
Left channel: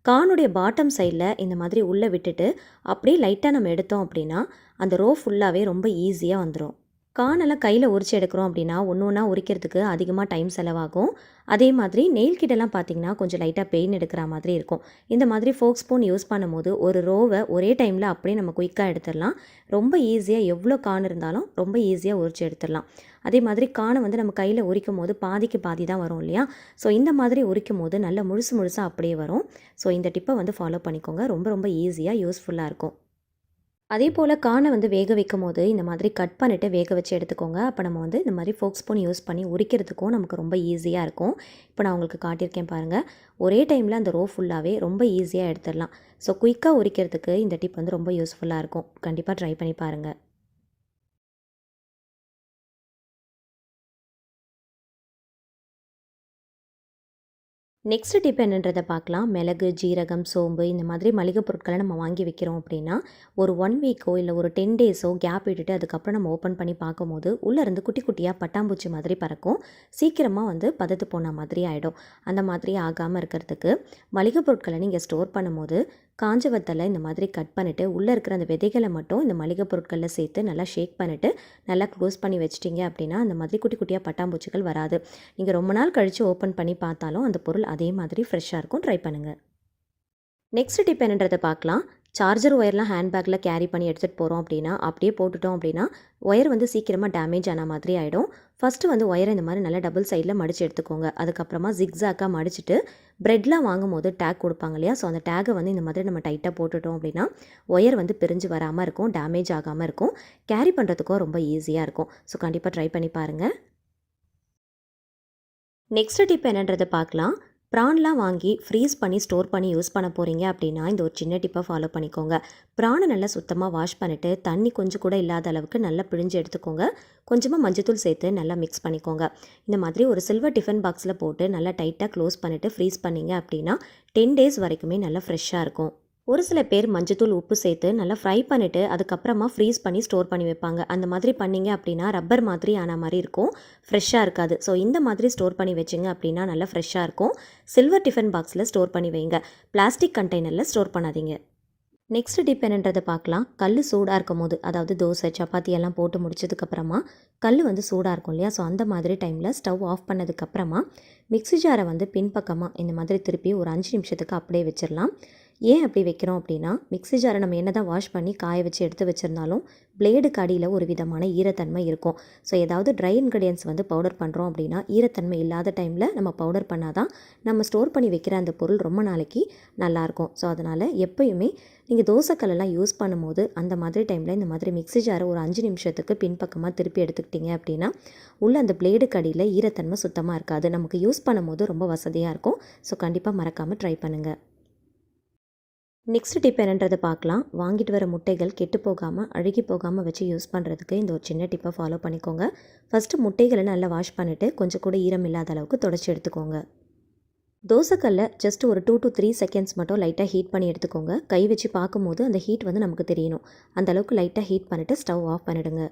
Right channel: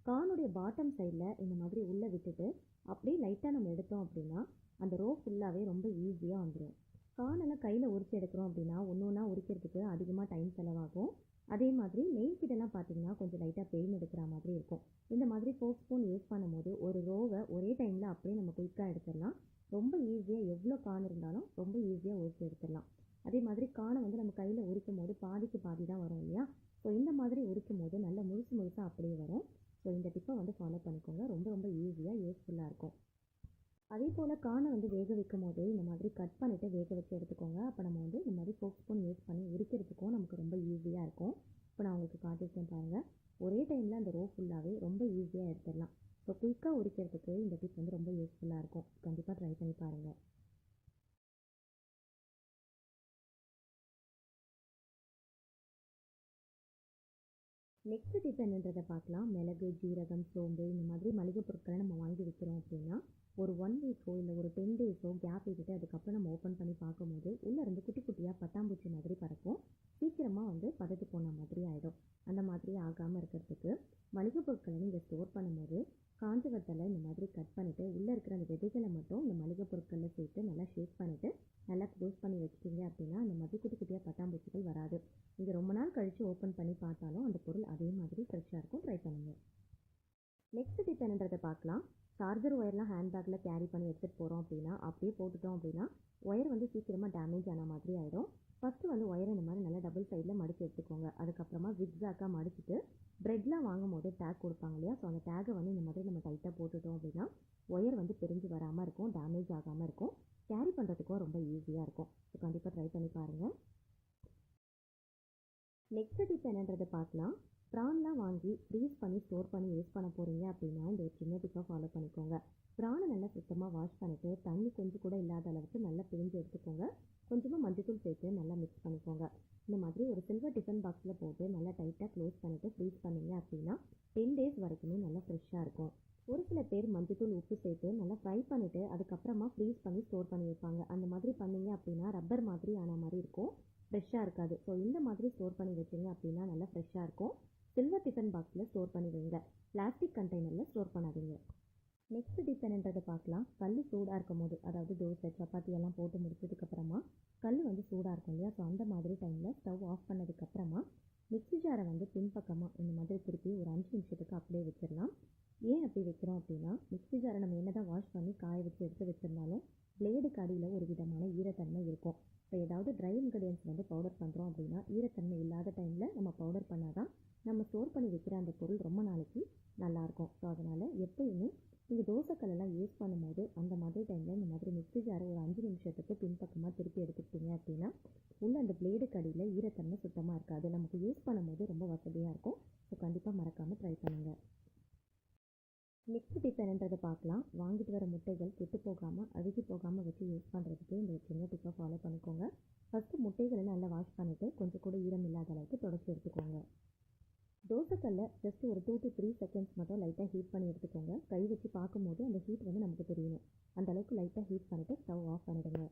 கானுடைய பாட்டம் சைடில் இந்த மாதிரி உள்ளே விட்டுட்டு அப்படியே லைட்டாக நம்ம எடுத்தோம் அப்படின்னா அந்த ரோ ஃபுல்லாகவே ரொம்ப ஈஸியாக வந்துடும். கானெல்லாம் கையில் உரிச்சு எடுக்கிறோம் அப்படின்னா ஒன்றா உரிக்கிறதுக்கு அதிகமாக டைம் செலவாகும். அதே மாதிரி நெயில் கிட்டலாம் பார்த்திங்கன்னா கொஞ்சம் லைட்டாக பெயின் எடுக்கிற மாதிரி இருக்கும். இந்த மாதிரி ஃபோக் ஸ்பூன் யூஸ் பண்ணும்போது ஒரு ரோவை ஒரே டைமில் அப்படியே நம்ம குயிக்காக எடுத்துடலாம். ரொம்ப ஈஸியாக எவ்வளோ கான் இருந்தாலும் ரொம்ப ஈஸியாக உரிச்சு எடுத்துடலாம். அதே மாதிரி கானை வந்து நம்ம கையில் உரிக்கும் போது பாதிக்கு பாதி தான் வரும் இல்லையா, ஸோ இந்த மாதிரி உரிக்கும் போது நல்ல முழுசாக அப்படியே வரும். ஸோ இந்த டிப்பை வந்து ஃபாலோ பண்ணிக்கோங்க. ரொம்ப ரொம்ப ஈஸியாக யூஸ்ஃபுல்லாக இருக்கும். அதே போல் கானை வந்து வேக வைக்கும் போது இந்த மாதிரி கட் பண்ணிவிட்டு வேக வச்சு எடுத்துக்கோங்க. அப்போ நம்ம வந்து இந்த மாதிரி ஃபோக் ஸ்பூன் யூஸ் பண்ணி உரிக்கிறதுக்கும் நமக்கு ரொம்ப ஈஸியாக இருக்கும். இப்போ நான் உங்களுக்கு காட்டியிருக்கேன் பாருங்கள். ஒரே டைமில் அந்த ரோ ஃபுல்லாகவே ரொம்ப ஈஸியாக எடுத்துடலாம். ஸோ குயிக்காக உரிக்கிறதுக்கு இந்த டிப் வந்து ரொம்ப யூஸ்ஃபுல்லாக இருக்கும். கண்டிப்பாக ட்ரை பண்ணி பாருங்கள். நெக்ஸ்ட் டிப் என்னன்றதை பார்க்கலாம். மிளகு, ஜீரகம், சோம்பு இந்த மாதிரி மளிகை பொருட்களை நம்ம வாங்கி வைக்கிறோம் அப்படின்னா ஒரு 1 வீக்கோ இல்லை ஒரு 10 டேஸோ கேப் விட்டுட்டு அதுக்கப்புறம் நம்ம ஓப்பன் பண்ணி பார்க்கும்போது உள்ளேருந்து குட்டி குட்டியாக பட்டாம்பூச்சி மாதிரி பறக்கும். சீக்கிரமாக வந்து பதத்து போன மாதிரி ஆகிடும். அந்த மாதிரி ஆகாமல் இருக்கிறதுக்கு மளிகை பொருட்களை நீங்கள் ஸ்டோர் பண்ணும்போது காஞ்ச வத்தலை இந்த மாதிரி கட் பண்ணிவிட்டு உள்ளே இருக்கிற அந்த விதைகளை மட்டும் இந்த மளிகை பொருட்களில் சேர்த்து நல்லா ஷேக் பண்ணிவிட்டு நல்லா க்ளோஸ் பண்ணி வச்சிட்டிங்க அப்படின்னா அந்த மாதிரி குட்டி குட்டியாக பட்டாம்பூச்சிகள் வராது. நீங்கள் ரொம்ப நாள் கழித்து ஓப்பன் பண்ணி பார்த்தாலும் அந்த பொருள் அதே மாதிரி ஃப்ரெஷ்ஷாக இருக்கும். ட்ரை பண்ணுங்கள். நெக்ஸ்ட் டிப் என்னன்றதை பார்க்கலாம். சார்ஜர் ஒயர்லாம் ஹேண்ட்பேக்கில் கேரி பண்ணி எடுத்துகிட்டு போகிறோம் அப்படின்னா அப்படியே போட்டுட்டோம் அப்படின்னா ஒயர் வந்து சீக்கிரமாக டேமேஜ் ஆன மாதிரி ஆகிடும். ஃபஸ்ட்டு வந்து ஒயரை இந்த மாதிரி நல்லா டபுள் சைடில் மடித்து எடுத்துக்கோங்க. அதுக்கப்புறமா ஜிக்ஸாக்காக மடிச்சுட்டு ப்ரெட்லாம் வாங்கும் போது டேக் கொடுப்பாங்க இல்லையா, ஸோ அந்த டேக்கை வந்து இந்த மாதிரி நம்ம டைட்டாக போட்டுட்டோம் அப்படின்னா ஒயர் வந்து பிரிஞ்சு வராமல் இருக்கும், டேமேஜ் ஆகாமல் இருக்கும், கேரி பண்ணுறதுக்கும் ரொம்ப ஈஸியாக இருக்கும். ஸோ கண்டிப்பாக ட்ரை பண்ணி பாருங்கள். நெக்ஸ்ட் டிப் என்னன்றதை பார்க்கலாம். ப்ரான்லாம் வாங்கி ஃப்ரீஸ் பண்ணி ஸ்டோர் பண்ணி யூஸ் பண்ண போகிறீங்க அப்படின்னா இந்த ஒரு சின்ன டிப்பை ஃபாலோ பண்ணிக்கோங்க. ப்ரானை நல்லா சுத்தமாக வாஷ் பண்ணிவிட்டு தண்ணி கொஞ்சம் கூட இல்லாத அளவுக்கு நல்லா பிழிஞ்சு எடுத்துக்கோங்க. கொஞ்சமாக மஞ்சத்தூள் சேர்த்து நல்லா மிக்ஸ் பண்ணிக்கோங்க. இந்த மாதிரி ஒரு சில்வர் டிஃபன் பாக்ஸில் போட்டு நல்லா டைட்டாக க்ளோஸ் பண்ணிவிட்டு ஃப்ரீஸ் பண்ணிங்க அப்படின்னா 10 டேஸ் வரைக்குமே நல்லா ஃப்ரெஷ்ஷாக இருக்கும். ஒரு சில பேர் மஞ்சத்தூள், உப்பு சேர்த்து நல்லா ஃப்ரை பண்ணிவிட்டு அதுக்கப்புறமா ஃப்ரீஸ் பண்ணி ஸ்டோர் பண்ணி வைப்பாங்க. அந்த மாதிரி பண்ணிங்க அப்படின்னா ரப்பர் மாதிரி ஆன மாதிரி இருக்கும், ஃப்ரெஷ்ஷாக இருக்காது. ஸோ இந்த மாதிரி ஸ்டோர் பண்ணி வச்சிங்க அப்படின்னா நல்லா ஃப்ரெஷ்ஷாக இருக்கும். சில்வர் டிஃபன் பாக்ஸில் ஸ்டோர் பண்ணி வைங்க, பிளாஸ்டிக் கண்டெய்னரில் ஸ்டோர் பண்ணாதீங்க. நெக்ஸ்ட் டிப் என்னன்றதை பார்க்கலாம். கல் சூடாக இருக்கும் போது, அதாவது தோசை, சப்பாத்தி எல்லாம் போட்டு முடிச்சதுக்கப்புறமா கல் வந்து சூடாக இருக்கும் இல்லையா, ஸோ அந்த மாதிரி டைமில் ஸ்டவ் ஆஃப் பண்ணதுக்கப்புறமா மிக்ஸி ஜாரை வந்து பின்பக்கமாக இந்த மாதிரி திருப்பி ஒரு 5 நிமிஷத்துக்கு அப்படியே வச்சிடலாம். ஏன் அப்படி வைக்கிறோம் அப்படின்னா, மிக்ஸி ஜாரை நம்ம என்னதான் வாஷ் பண்ணி காய வச்சு எடுத்து வச்சிருந்தாலும், பிளேடுக்கு அடியில ஒரு விதமான ஈரத்தன்மை இருக்கும். ஸோ ஏதாவது ட்ரை இன்கிரிடியன்ட்ஸ் வந்து பவுடர் பண்ணுறோம் அப்படின்னா, ஈரத்தன்மை இல்லாத டைமில் நம்ம பவுடர் பண்ணால் தான் நம்ம ஸ்டோர் பண்ணி வைக்கிற அந்த பொருள் ரொம்ப நாளைக்கு நல்லாயிருக்கும். ஸோ அதனால் எப்பயுமே நீங்கள் தோசைக்கல்லெல்லாம் யூஸ் பண்ணும்போது அந்த மாதிரி டைமில் இந்த மாதிரி மிக்ஸி ஜாரை ஒரு 5 நிமிஷத்துக்கு பின்பக்கமாக திருப்பி எடுத்துக்கிட்டிங்க அப்படின்னா, உள்ள அந்த பிளேடுக்கு அடியில் ஈரத்தன்மை சுத்தமாக இருக்காது. நமக்கு யூஸ் பண்ணும்போது ரொம்ப வசதியாக இருக்கும். ஸோ கண்டிப்பாக மறக்காமல் ட்ரை பண்ணுங்கள். நெக்ஸ்ட் டிப் என்னன்றதை பார்க்கலாம். வாங்கிட்டு வர முட்டைகள் கெட்டு போகாமல் அழுகி போகாமல் வச்சு யூஸ் பண்ணுறதுக்கு இந்த ஒரு சின்ன டிப்பை ஃபாலோ பண்ணிக்கோங்க. ஃபஸ்ட்டு முட்டைகளை நல்லா வாஷ் பண்ணிவிட்டு கொஞ்சம் கூட ஈரம் இல்லாத அளவுக்கு தொடச்சி எடுத்துக்கோங்க. தோசைக்கல்ல ஜஸ்ட் ஒரு 2 to 3 செகண்ட்ஸ் மட்டும் லைட்டாக ஹீட் பண்ணி எடுத்துக்கோங்க. கை வச்சு பார்க்கும்போது அந்த ஹீட் வந்து நமக்கு தெரியணும். அந்த அளவுக்கு லைட்டாக ஹீட் பண்ணிவிட்டு ஸ்டவ் ஆஃப் பண்ணிவிடுங்க.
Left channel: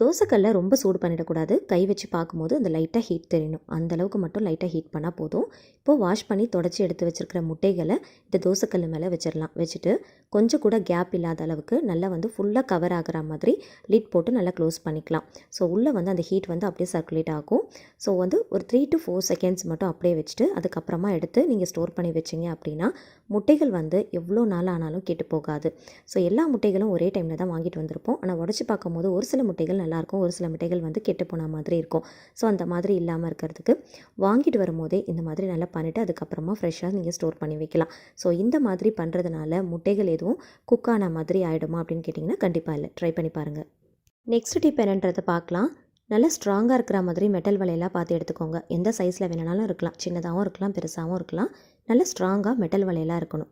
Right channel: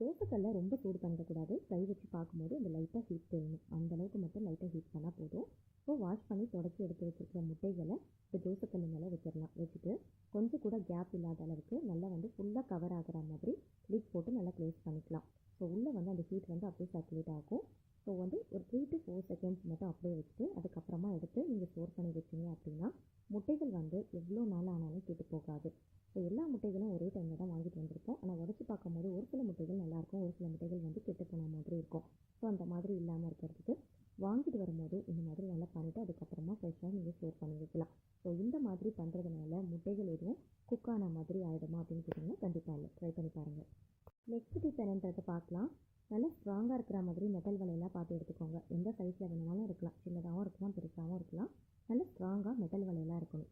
தோசைக்கல்லை ரொம்ப சூடு பண்ணிடக்கூடாது. கை வச்சு பார்க்கும்போது அந்த லைட்டாக ஹீட் தெரியணும். அந்தளவுக்கு மட்டும் லைட்டாக ஹீட் பண்ணால் போதும். இப்போது வாஷ் பண்ணி தொடச்சி எடுத்து வச்சுருக்கிற முட்டைகளை இந்த தோசைக்கல் மேலே வச்சிடலாம். வச்சுட்டு கொஞ்சம் கூட கேப் இல்லாத அளவுக்கு நல்லா வந்து ஃபுல்லாக கவர் ஆகிற மாதிரி லிட் போட்டு நல்லா க்ளோஸ் பண்ணிக்கலாம். ஸோ உள்ளே வந்து அந்த ஹீட் வந்து அப்படியே சர்க்குலேட் ஆகும். ஸோ வந்து ஒரு 3 to 4 செகண்ட்ஸ் மட்டும் அப்படியே வச்சுட்டு அதுக்கப்புறமா எடுத்து நீங்கள் ஸ்டோர் பண்ணி வச்சிங்க அப்படின்னா முட்டைகள் வந்து எவ்வளோ நாள் ஆனாலும் கெட்டு போகாது. ஸோ எல்லா முட்டைகளும் ஒரே டைமில் தான் வாங்கிட்டு வந்திருப்போம். ஆனால் உடச்சி பார்க்கும்போது ஒரு சில முட்டைகள் நல்லாயிருக்கும், ஒரு சில முட்டைகள் வந்து கெட்டு போன மாதிரி இருக்கும். ஸோ அந்த மாதிரி இல்லாமல் இருக்கிறதுக்கு வாங்கிட்டு வரும்போதே இந்த மாதிரி நல்லா பண்ணிவிட்டு அதுக்கப்புறமா ஃப்ரெஷ்ஷாக நீங்கள் ஸ்டோர் பண்ணி வைக்கலாம். ஸோ இந்த மாதிரி பண்ணுறதுனால முட்டைகள் எதுவும் குக் ஆன மாதிரி ஆகிடுமா அப்படின்னு கேட்டிங்கன்னா கண்டிப்பாக இல்லை. ட்ரை பண்ணி பாருங்கள். நெக்ஸ்ட் டிப் என்னன்றதை பார்க்கலாம். நல்லா ஸ்ட்ராங்காக இருக்கிற மாதிரி மெட்டல் வலையெல்லாம் பார்த்து எடுத்துக்கோங்க. எந்த சைஸில் வேணுனாலும் இருக்கலாம். சின்னதாகவும் இருக்கலாம், பெருசாகவும் இருக்கலாம். நல்லா ஸ்ட்ராங்காக மெட்டல் வலையெல்லாம் இருக்கணும்.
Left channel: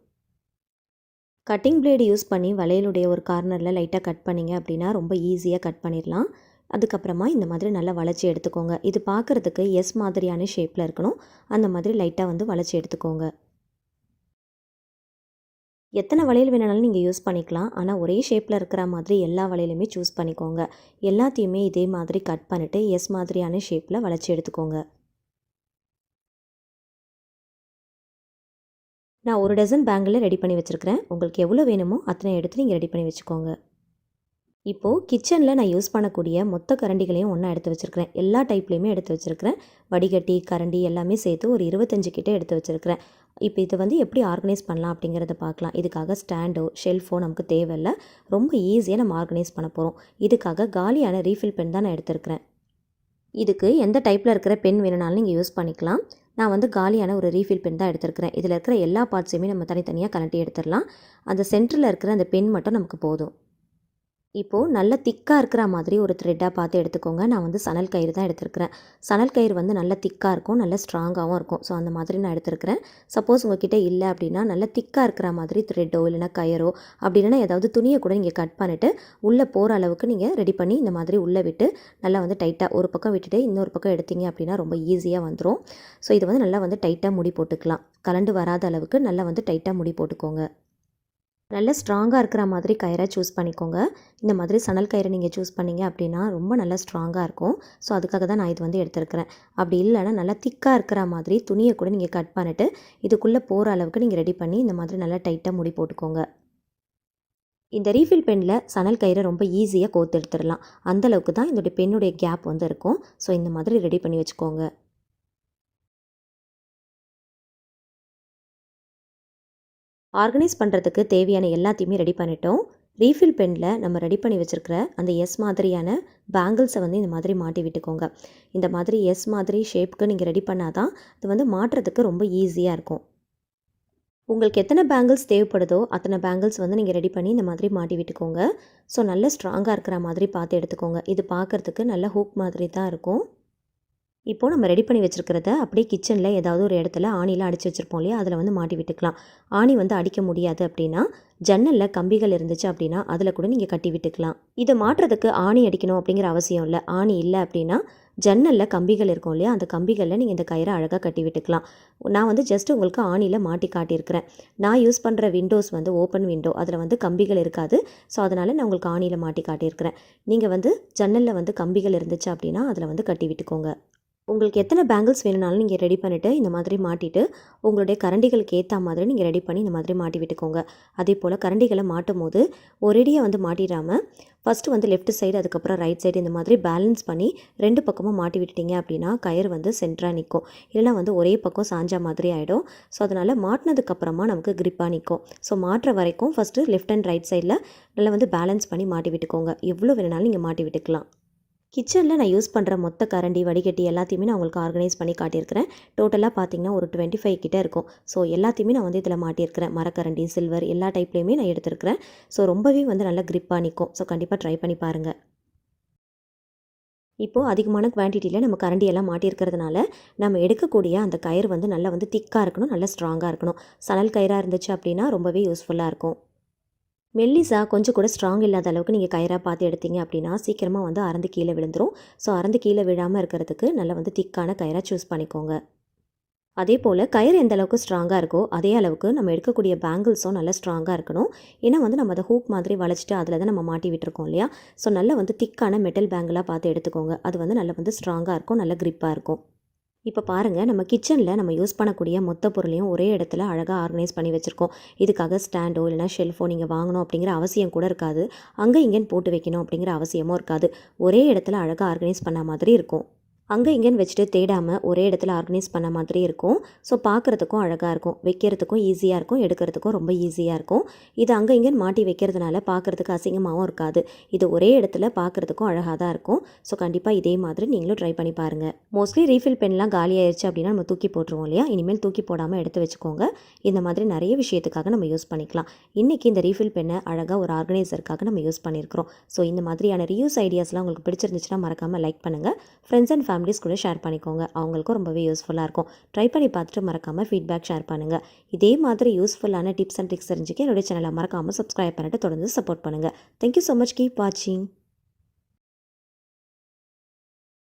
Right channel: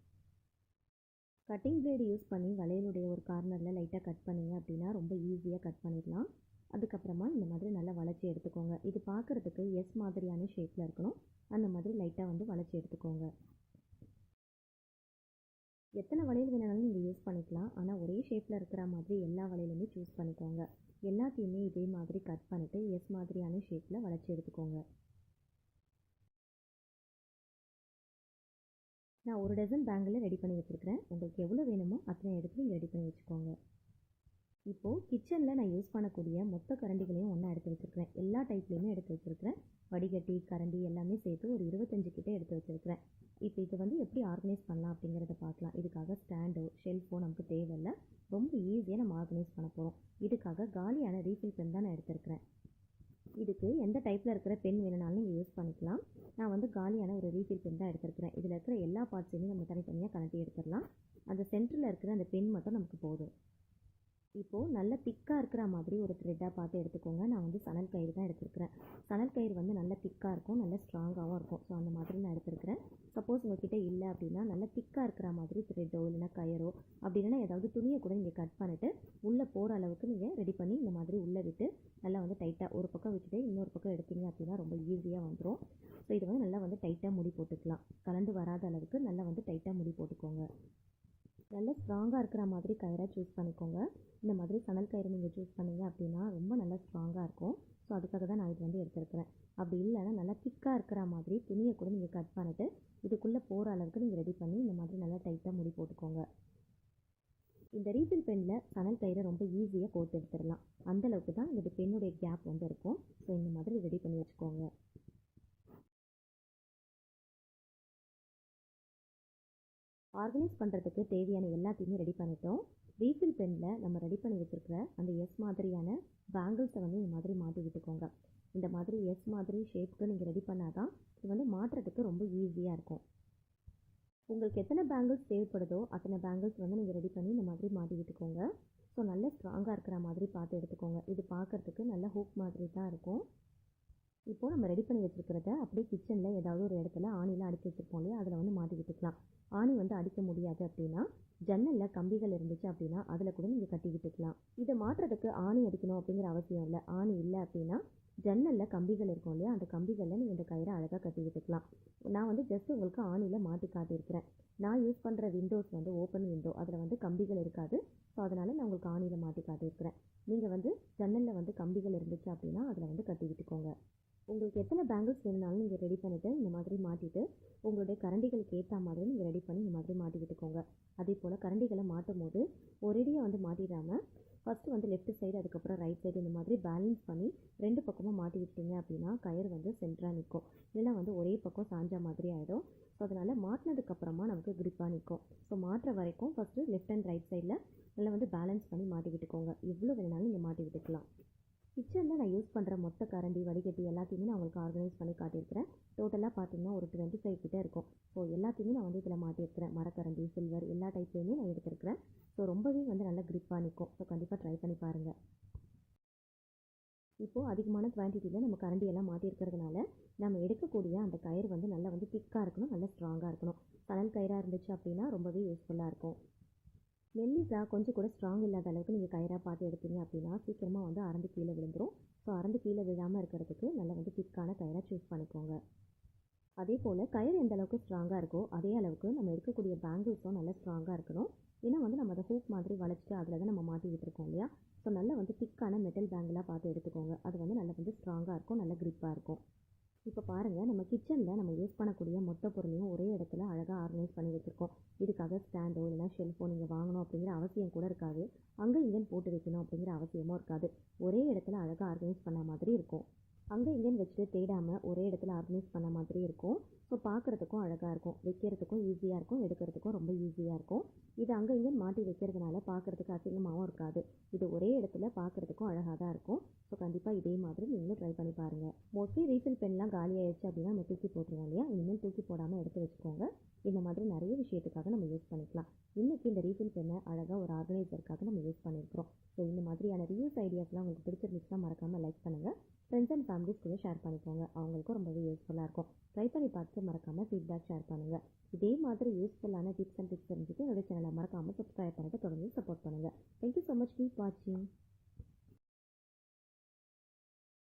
கட்டிங் பிளேடு யூஸ் பண்ணி வளையலுடைய ஒரு கார்னரில் லைட்டாக கட் பண்ணிங்க அப்படின்னா ரொம்ப ஈஸியாக கட் பண்ணிடலாம். அதுக்கப்புறமா இந்த மாதிரி நல்லா வளைச்சி எடுத்துக்கோங்க. இது பார்க்குறதுக்கு எஸ் மாதிரியான ஷேப்பில் இருக்கணும். அந்த மாதிரி லைட்டாக வந்து வளைச்சி எடுத்துக்கோங்க. எத்தனை வளையல் வேணாலும் நீங்கள் யூஸ் பண்ணிக்கலாம். ஆனால் ஒரே ஷேப்பில் இருக்கிற மாதிரி எல்லா வளையலுமே சூஸ் பண்ணிக்கோங்க. எல்லாத்தையுமே இதே மாதிரி கட் பண்ணிவிட்டு எஸ் மாதிரியான ஷேப்பில் வளைச்சி எடுத்துக்கோங்க. நான் ஒரு டசன் பேங்கில் ரெடி பண்ணி வச்சுருக்கிறேன். உங்களுக்கு எவ்வளோ வேணுமோ அத்தனை எடுத்து நீங்கள் ரெடி பண்ணி வச்சுக்கோங்க. இப்போது கிச்சனில் நான் யூஸ் பண்ணக்கூடிய மொத்த கரண்டிகளையும் ஒன்றா எடுத்து வச்சுருக்கிறேன். எல்லா டைப்லேயுமே எடுத்து வச்சுருக்கிறேன். வடிகட்டி, கரண்டி எல்லாமே சேர்த்து ஒரு 25 கிட்ட எடுத்து வச்சுருக்கிறேன். இப்போ இதை வந்து எப்படி ஆர்கனைஸ் பண்ணலாம் அப்படிங்கிறத பார்க்கலாம். இதுக்காக ஸ்டாண்டோ ஷெல்ஃபோ நமக்கு தேவையில்லை. ரொம்ப ஈஸியாக நம்ம ஆர்கனைஸ் பண்ண போகிறோம். இதுக்காக காலியான ரீஃபில் பென் தான் நான் எடுத்துருக்கிறேன். இதுக்கு எந்த டைப்பில் இருக்கிற பென் வேணுனாலும் நீங்கள் யூஸ் பண்ணிக்கலாம். நான் வந்து காலியான ஒரு ரீஃபில் பென் தான் எடுத்துருக்கிறேன். இதில் இருக்கிற எல்லா பார்ட்ஸையுமே நம்ம தனித்தனியாக கலட்டி எடுத்துடலாம். அந்த சென்டரில் இருக்கிற அந்த பென் மட்டும் நமக்கு போதும். இப்போது நல்ல திக்காக இருக்கிற மாதிரி ஒரு த்ரெட்டாக பார்த்து எடுத்துக்கோங்க. நான் வந்து சணல் கயிறு தான் எடுத்துருக்கிறேன். சணல் கயிறு வந்து நல்ல திக்காக இருக்கும், நல்ல ஸ்ட்ராங்காகவும் இருக்கும். ஸோ அந்த மாதிரி நான் எடுத்துருக்கிறேன். சப்போஸ் உங்ககிட்ட இல்லை அப்படின்னா நல்ல திக்காக இருக்கிற மாதிரி த்ரெட்டோ இல்லைனா கயிறோ அப்படி இல்லைனா ஏதாவது துணியை கூட நீங்கள் கட் பண்ணிவிட்டு உள்ளே போகிற அளவுக்கு நீங்கள் ரெடி பண்ணி இந்த மாதிரி உள்ளே விட்டு நல்லா வந்து டைட்டாக ஒரு பக்கம் விட்டுட்டு இன்னொரு பக்கம் எடுத்தீங்க அப்படின்னா ரொம்ப ஈஸியாக வந்துடும். ஸோ இது வந்து நல்லா வந்து டைட்டாக முடி போட்டுக்கலாம். கலண்டு வராத அளவுக்கு நல்லா வந்து டைட்டாக முடி போட்டுக்கோங்க. நல்ல ஸ்ட்ராங்காக இருக்கிற மாதிரி கயிறை சூஸ் பண்ணிக்கோங்க. இந்த மாதிரி சணல் கயிறை நீங்கள் சூஸ் பண்ணிங்க அப்படின்னா ரொம்ப நல்லா ஸ்ட்ராங்காக இருக்கும். ஸோ அதுக்காக தான் நான் இது வந்து எடுத்துருக்கிறேன். அப்படி இல்லைனா நல்லா திக்காக இருக்கிற மாதிரி துணியை கூட நீங்கள் கட் பண்ணிவிட்டு இதுக்குள்ளே போகிற அளவுக்கு நீங்கள் ரெடி பண்ணி இந்த மாதிரி நல்லா டைட்டாக முடி போட்டுக்கோங்க. இந்த ரீஃபில் பெனில் சணல் கயிறை ரொம்ப ஈஸியாக கோர்த்து எடுத்துடலாம். அந்தளவுக்கு தான் இதோடைய பென்னுடைய கேப் வந்து இருக்கும். ஸோ இந்த மாதிரி ரெடி பண்ணி வச்சுக்கோங்க. ஆர்கனைஸ் பண்ணுறதுக்கு தேவையான எல்லாத்தையுமே ரெடி பண்ணிட்டோம். ரீஃபில் பெனில் நம்ம ரெடி பண்ணி வச்சுருக்கிற அந்த எஸ் மாதிரியான பேங்கிள்ஸை வந்து இந்த மாதிரி மாட்டி விட்டுக்கோங்க. இந்த மாதிரி எஸ் மாதிரி ஷேப்புக்கு நீங்கள் ரெடி பண்ணால் தான் இது வந்து மாட்டுறதுக்கு ரொம்ப ஈஸியாக இருக்கும். உங்களுக்கு எத்தனை பேங்கிள்ஸ் தேவைப்படுதோ அத்தனை பேங்கிள்ஸ் வந்து நீங்கள் ரெடி பண்ணி இந்த மாதிரி மாட்டி விட்டுக்கோங்க. ஸோ நல்ல ஸ்ட்ராங்காக இருக்கிற மாதிரி பார்த்து எடுத்துக்கோங்க. இது பார்க்குறதுக்கு நல்ல ஹூக் மாதிரி தான் இருக்கும். இப்போது நம்ம ரெடி பண்ணி வச்சுருக்கிறத அப்படியே கிச்சனில் ஏதாவது ஒரு இடத்துல ஆணியில் அடித்து வச்சுருப்போம் இல்லையா, அதில் வந்து மாட்டி விட்டுக்கலாம். ஆணி வந்து அடிக்க முடியாது அப்படின்னா ஜன்னலில் கம்பிகள் இருந்துச்சு அப்படின்னா அதில் கூட நீங்கள் கட்டி விட்டுக்கலாம். இதை மாட்டுறதுக்கு ஆணி அடிக்கணும் அப்படிங்கிற அவசியம் இல்லை. ஆணி இல்லை அப்படின்னா ஜன்னலில் கம்பிகள் இருக்கும் இல்லையா, அந்த கம்பிகளில் நீங்கள் இந்த கயிறை அழகாக கட்டி விட்டுக்கலாம். நான் வந்து ஜஸ்ட் உங்களுக்கு ஆணியில் மாட்டி காட்டியிருக்கிறேன். நான் யூஸ் பண்ணுற விண்டோஸ் வந்து ஓப்பன் விண்டோ, அதில் வந்து கம்பிகள் இருக்காது. ஸோ அதனால் நான் உங்களுக்கு ஆணியில் மாட்டி காட்டியிருக்கிறேன். நீங்கள் வந்து ஜன்னலில் வந்து கம்பிகள் இருந்துச்சு அப்படின்னா அதில் வந்து கட்டி விட்டுக்கோங்க. உங்களுக்கு எத்தனை பேங்கிள்ஸ் வேணுனாலும் நீங்கள் ரெடி பண்ணிவிட்டு இந்த மாதிரி மாட்டிட்டு உங்களுடைய கரண்டிகளுக்கு ஏற்ற மாதிரி நீங்கள் ரெடி பண்ணி இந்த மாதிரி மாட்டி விட்டுக்கோங்க. அதே போல் கரண்டிகளை மாட்டும் போது ஒரேடியாக வந்து மாட்டிடாமல் ஃபஸ்ட்டு வந்து லெஃப்ட் சைடு அதுக்கப்புறம் ரைட் சைடு இந்த மாதிரி பேலன்ஸ் பண்ணி 2 பக்கமும் மாட்டி விட்டுட்டீங்க அப்படின்னா கயிறு வந்து சென்டராக நிற்கும். இல்லைனா வந்து ஒரே பக்கம் சாஞ்சா மாதிரி ஆகிடும். ஸோ அதனால் மாட்டினதுக்கப்புறமா நமக்கு கிரிப்பாக நிற்கும். ஸோ மாட்டுற வரைக்கும் ஃபஸ்ட்டு லெஃப்ட் அண்ட் ரைட் சைடில் நல்லா வந்து பேலன்ஸ் பண்ணி மாட்டி விட்டுக்கோங்க. எவ்வளோ வேணுனாலும் நீங்கள் மாட்டி விட்டுக்கலாம். கிச்சனில் நான் யூஸ் பண்ணுற மொத்த கரண்டி வடிகட்டி எல்லாத்தையுமே நான் உங்களுக்கு ஆர்கனைஸ் பண்ணி காட்டியிருக்கிறேன். டோட்டலாக பார்த்தீங்கன்னா ஒரு 25 கிட்ட இருக்கும். ஸோ எல்லாத்தையுமே நான் வந்து இதில் மாட்டியிருக்கிறேன். மரக்கரண்டி, சில்வர் எல்லா டைப்லேயுமே நான் எடுத்திருக்கிறேன். ஸோ ரொம்பவே வந்து நல்லா கிரிப்பாக நிற்கும். ஸோ கண்டிப்பாக ட்ரை பண்ணி பாருங்கள். இப்போது அதிகமான குவான்டிட்டியில் நம்ம கரண்டி எல்லாம் மாட்டியிருக்கிறதுனால நம்ம எடுக்கக்கூடிய அந்த கயிறு வந்து நல்லா வந்து திக்காக இருக்கணும், நல்லா ஸ்ட்ராங்காக இருக்கணும். சணல் கயிறாக இருந்துச்சு அப்படின்னா ரொம்பவே யூஸ்ஃபுல்லாக இருக்கும். மெல்லிசா கொஞ்சம் கூட ஸ்ட்ராங் இல்லாத அளவுக்கு நீங்கள் கயிறாக பார்த்து எடுத்தீங்க அப்படின்னா சீக்கிரமாக வந்து அறந்து கீழே விழுந்துரும். ஸோ அறந்து கீழே விழாமல் இருக்கிறதுக்கு நல்லா வந்து திக்கான கயிறாக சூஸ் பண்ணிக்கோங்க. அதே போல் கயிறு எந்த அளவுக்கு ஸ்ட்ராங்காக இருக்கோ அதே அளவுக்கு நம்ம எடுக்கக்கூடிய பேங்கிள்ஸும் நல்லா ஸ்ட்ராங்காக இருக்கணும். ஏன்னா வந்து நம்ம அதை ஹூக் மாதிரி வளைச்சிட்டு அதில் தான் நம்ம மாட்டி விட்டுருக்கோம் இல்லையா. ஸோ நல்லா வந்து திக்கான மெட்டல் பேங்கிளாக பார்த்து எடுத்துக்கோங்க. அது வந்து நல்லா வந்து ஸ்ட்ராங்காக இருக்கும், நல்ல கிரிப்பாக இருக்கும். இப்போ பாருங்கள், நம்ம கிச்சனில் நம்ம யூஸ் பண்ணக்கூடிய மொத்த பொருளையும் ஒரே இடத்துல அழகாக ஆர்கனைஸ் பண்ணி வச்சுருக்கோம். இதுக்காக ஸ்டாண்டோ இல்லைனா ஷெல்ஃபோ நீங்கள் வாங்கணும் அப்படிங்கிற அவசியம் கூட இருக்காது. அங்கே இங்கேன்னு போட்டு வைக்கணும் அப்படிங்கிற அவசியமும் இருக்காது. ஒரே இடத்துல அழகாக ஆர்கனைஸ் பண்ண மாதிரி இருக்கும். அங்கே இங்கேன்னு வச்சுட்டு தேடாமல் ஒரே இடத்துல ஆர்கனைஸ் பண்ண மாதிரி இருக்கும். ஸோ பார்க்குறதுக்கும் அழகாக இருக்கும், வைக்கிறதுக்கும் ஈஸியாக இருக்கும், எடுக்கிறதுக்கும் ரொம்ப ஈஸியாக இருக்கும். இது அங்கே இங்கேன்னு மாட்டி வைக்கிறதுனால பார்க்குறதுக்கு அசிங்கமாகவும் இருக்காது. இது ஒரே இடத்துல பார்க்குறதுக்கும் அழகாக தான் இருக்கும். ஸோ கண்டிப்பாக இதே மாதிரி நீங்களும் ட்ரை பண்ணி பாருங்கள். மோஸ்ட்லி ரீஃபில் பென்லாம் காலி ஆயிடுச்சு அப்படின்னா நம்ம தூக்கி போட்டுருவோம் இல்லையா. இனிமேல் தூக்கி போடாமல் எடுத்து வச்சுக்கோங்க. இந்த மாதிரி நிறைய விஷயத்துக்காக நம்ம யூஸ் பண்ணிக்கலாம். இன்றைக்கி இந்த ரீஃபில் பென்னை அழகாக ஒரு ஆர்கனைசருக்காக நம்ம யூஸ் பண்ணியிருக்கிறோம். ஸோ இந்த மாதிரியான ரீயூஸ் ஐடியாஸ்லாம் உங்களுக்கு பிடிச்சிருந்துச்சுன்னா மறக்காமல் லைக் பண்ணுங்கள். ஃப்ரெண்ட்ஸ் அண்ட் ஃபேமிலிஸ் கூட ஷேர் பண்ணிக்கோங்க. அவங்களுக்கும் ரொம்பவே யூஸ்ஃபுல்லாக இருக்கும். ட்ரை பண்ணி பார்த்துட்டு மறக்காமல் ஃபீட்பேக் ஷேர் பண்ணுங்கள். இதே மாதிரி யூஸ்ஃபுல்லான டிப்ஸ் அண்ட் ட்ரிக்ஸ் தெரிஞ்சுக்க என்னுடைய சேனலை மறக்காமல் சப்ஸ்கிரைப் பண்ணிட்டு தொடர்ந்து சப்போர்ட் பண்ணுங்கள். Thank you so much. கீப் வாட்சிங்.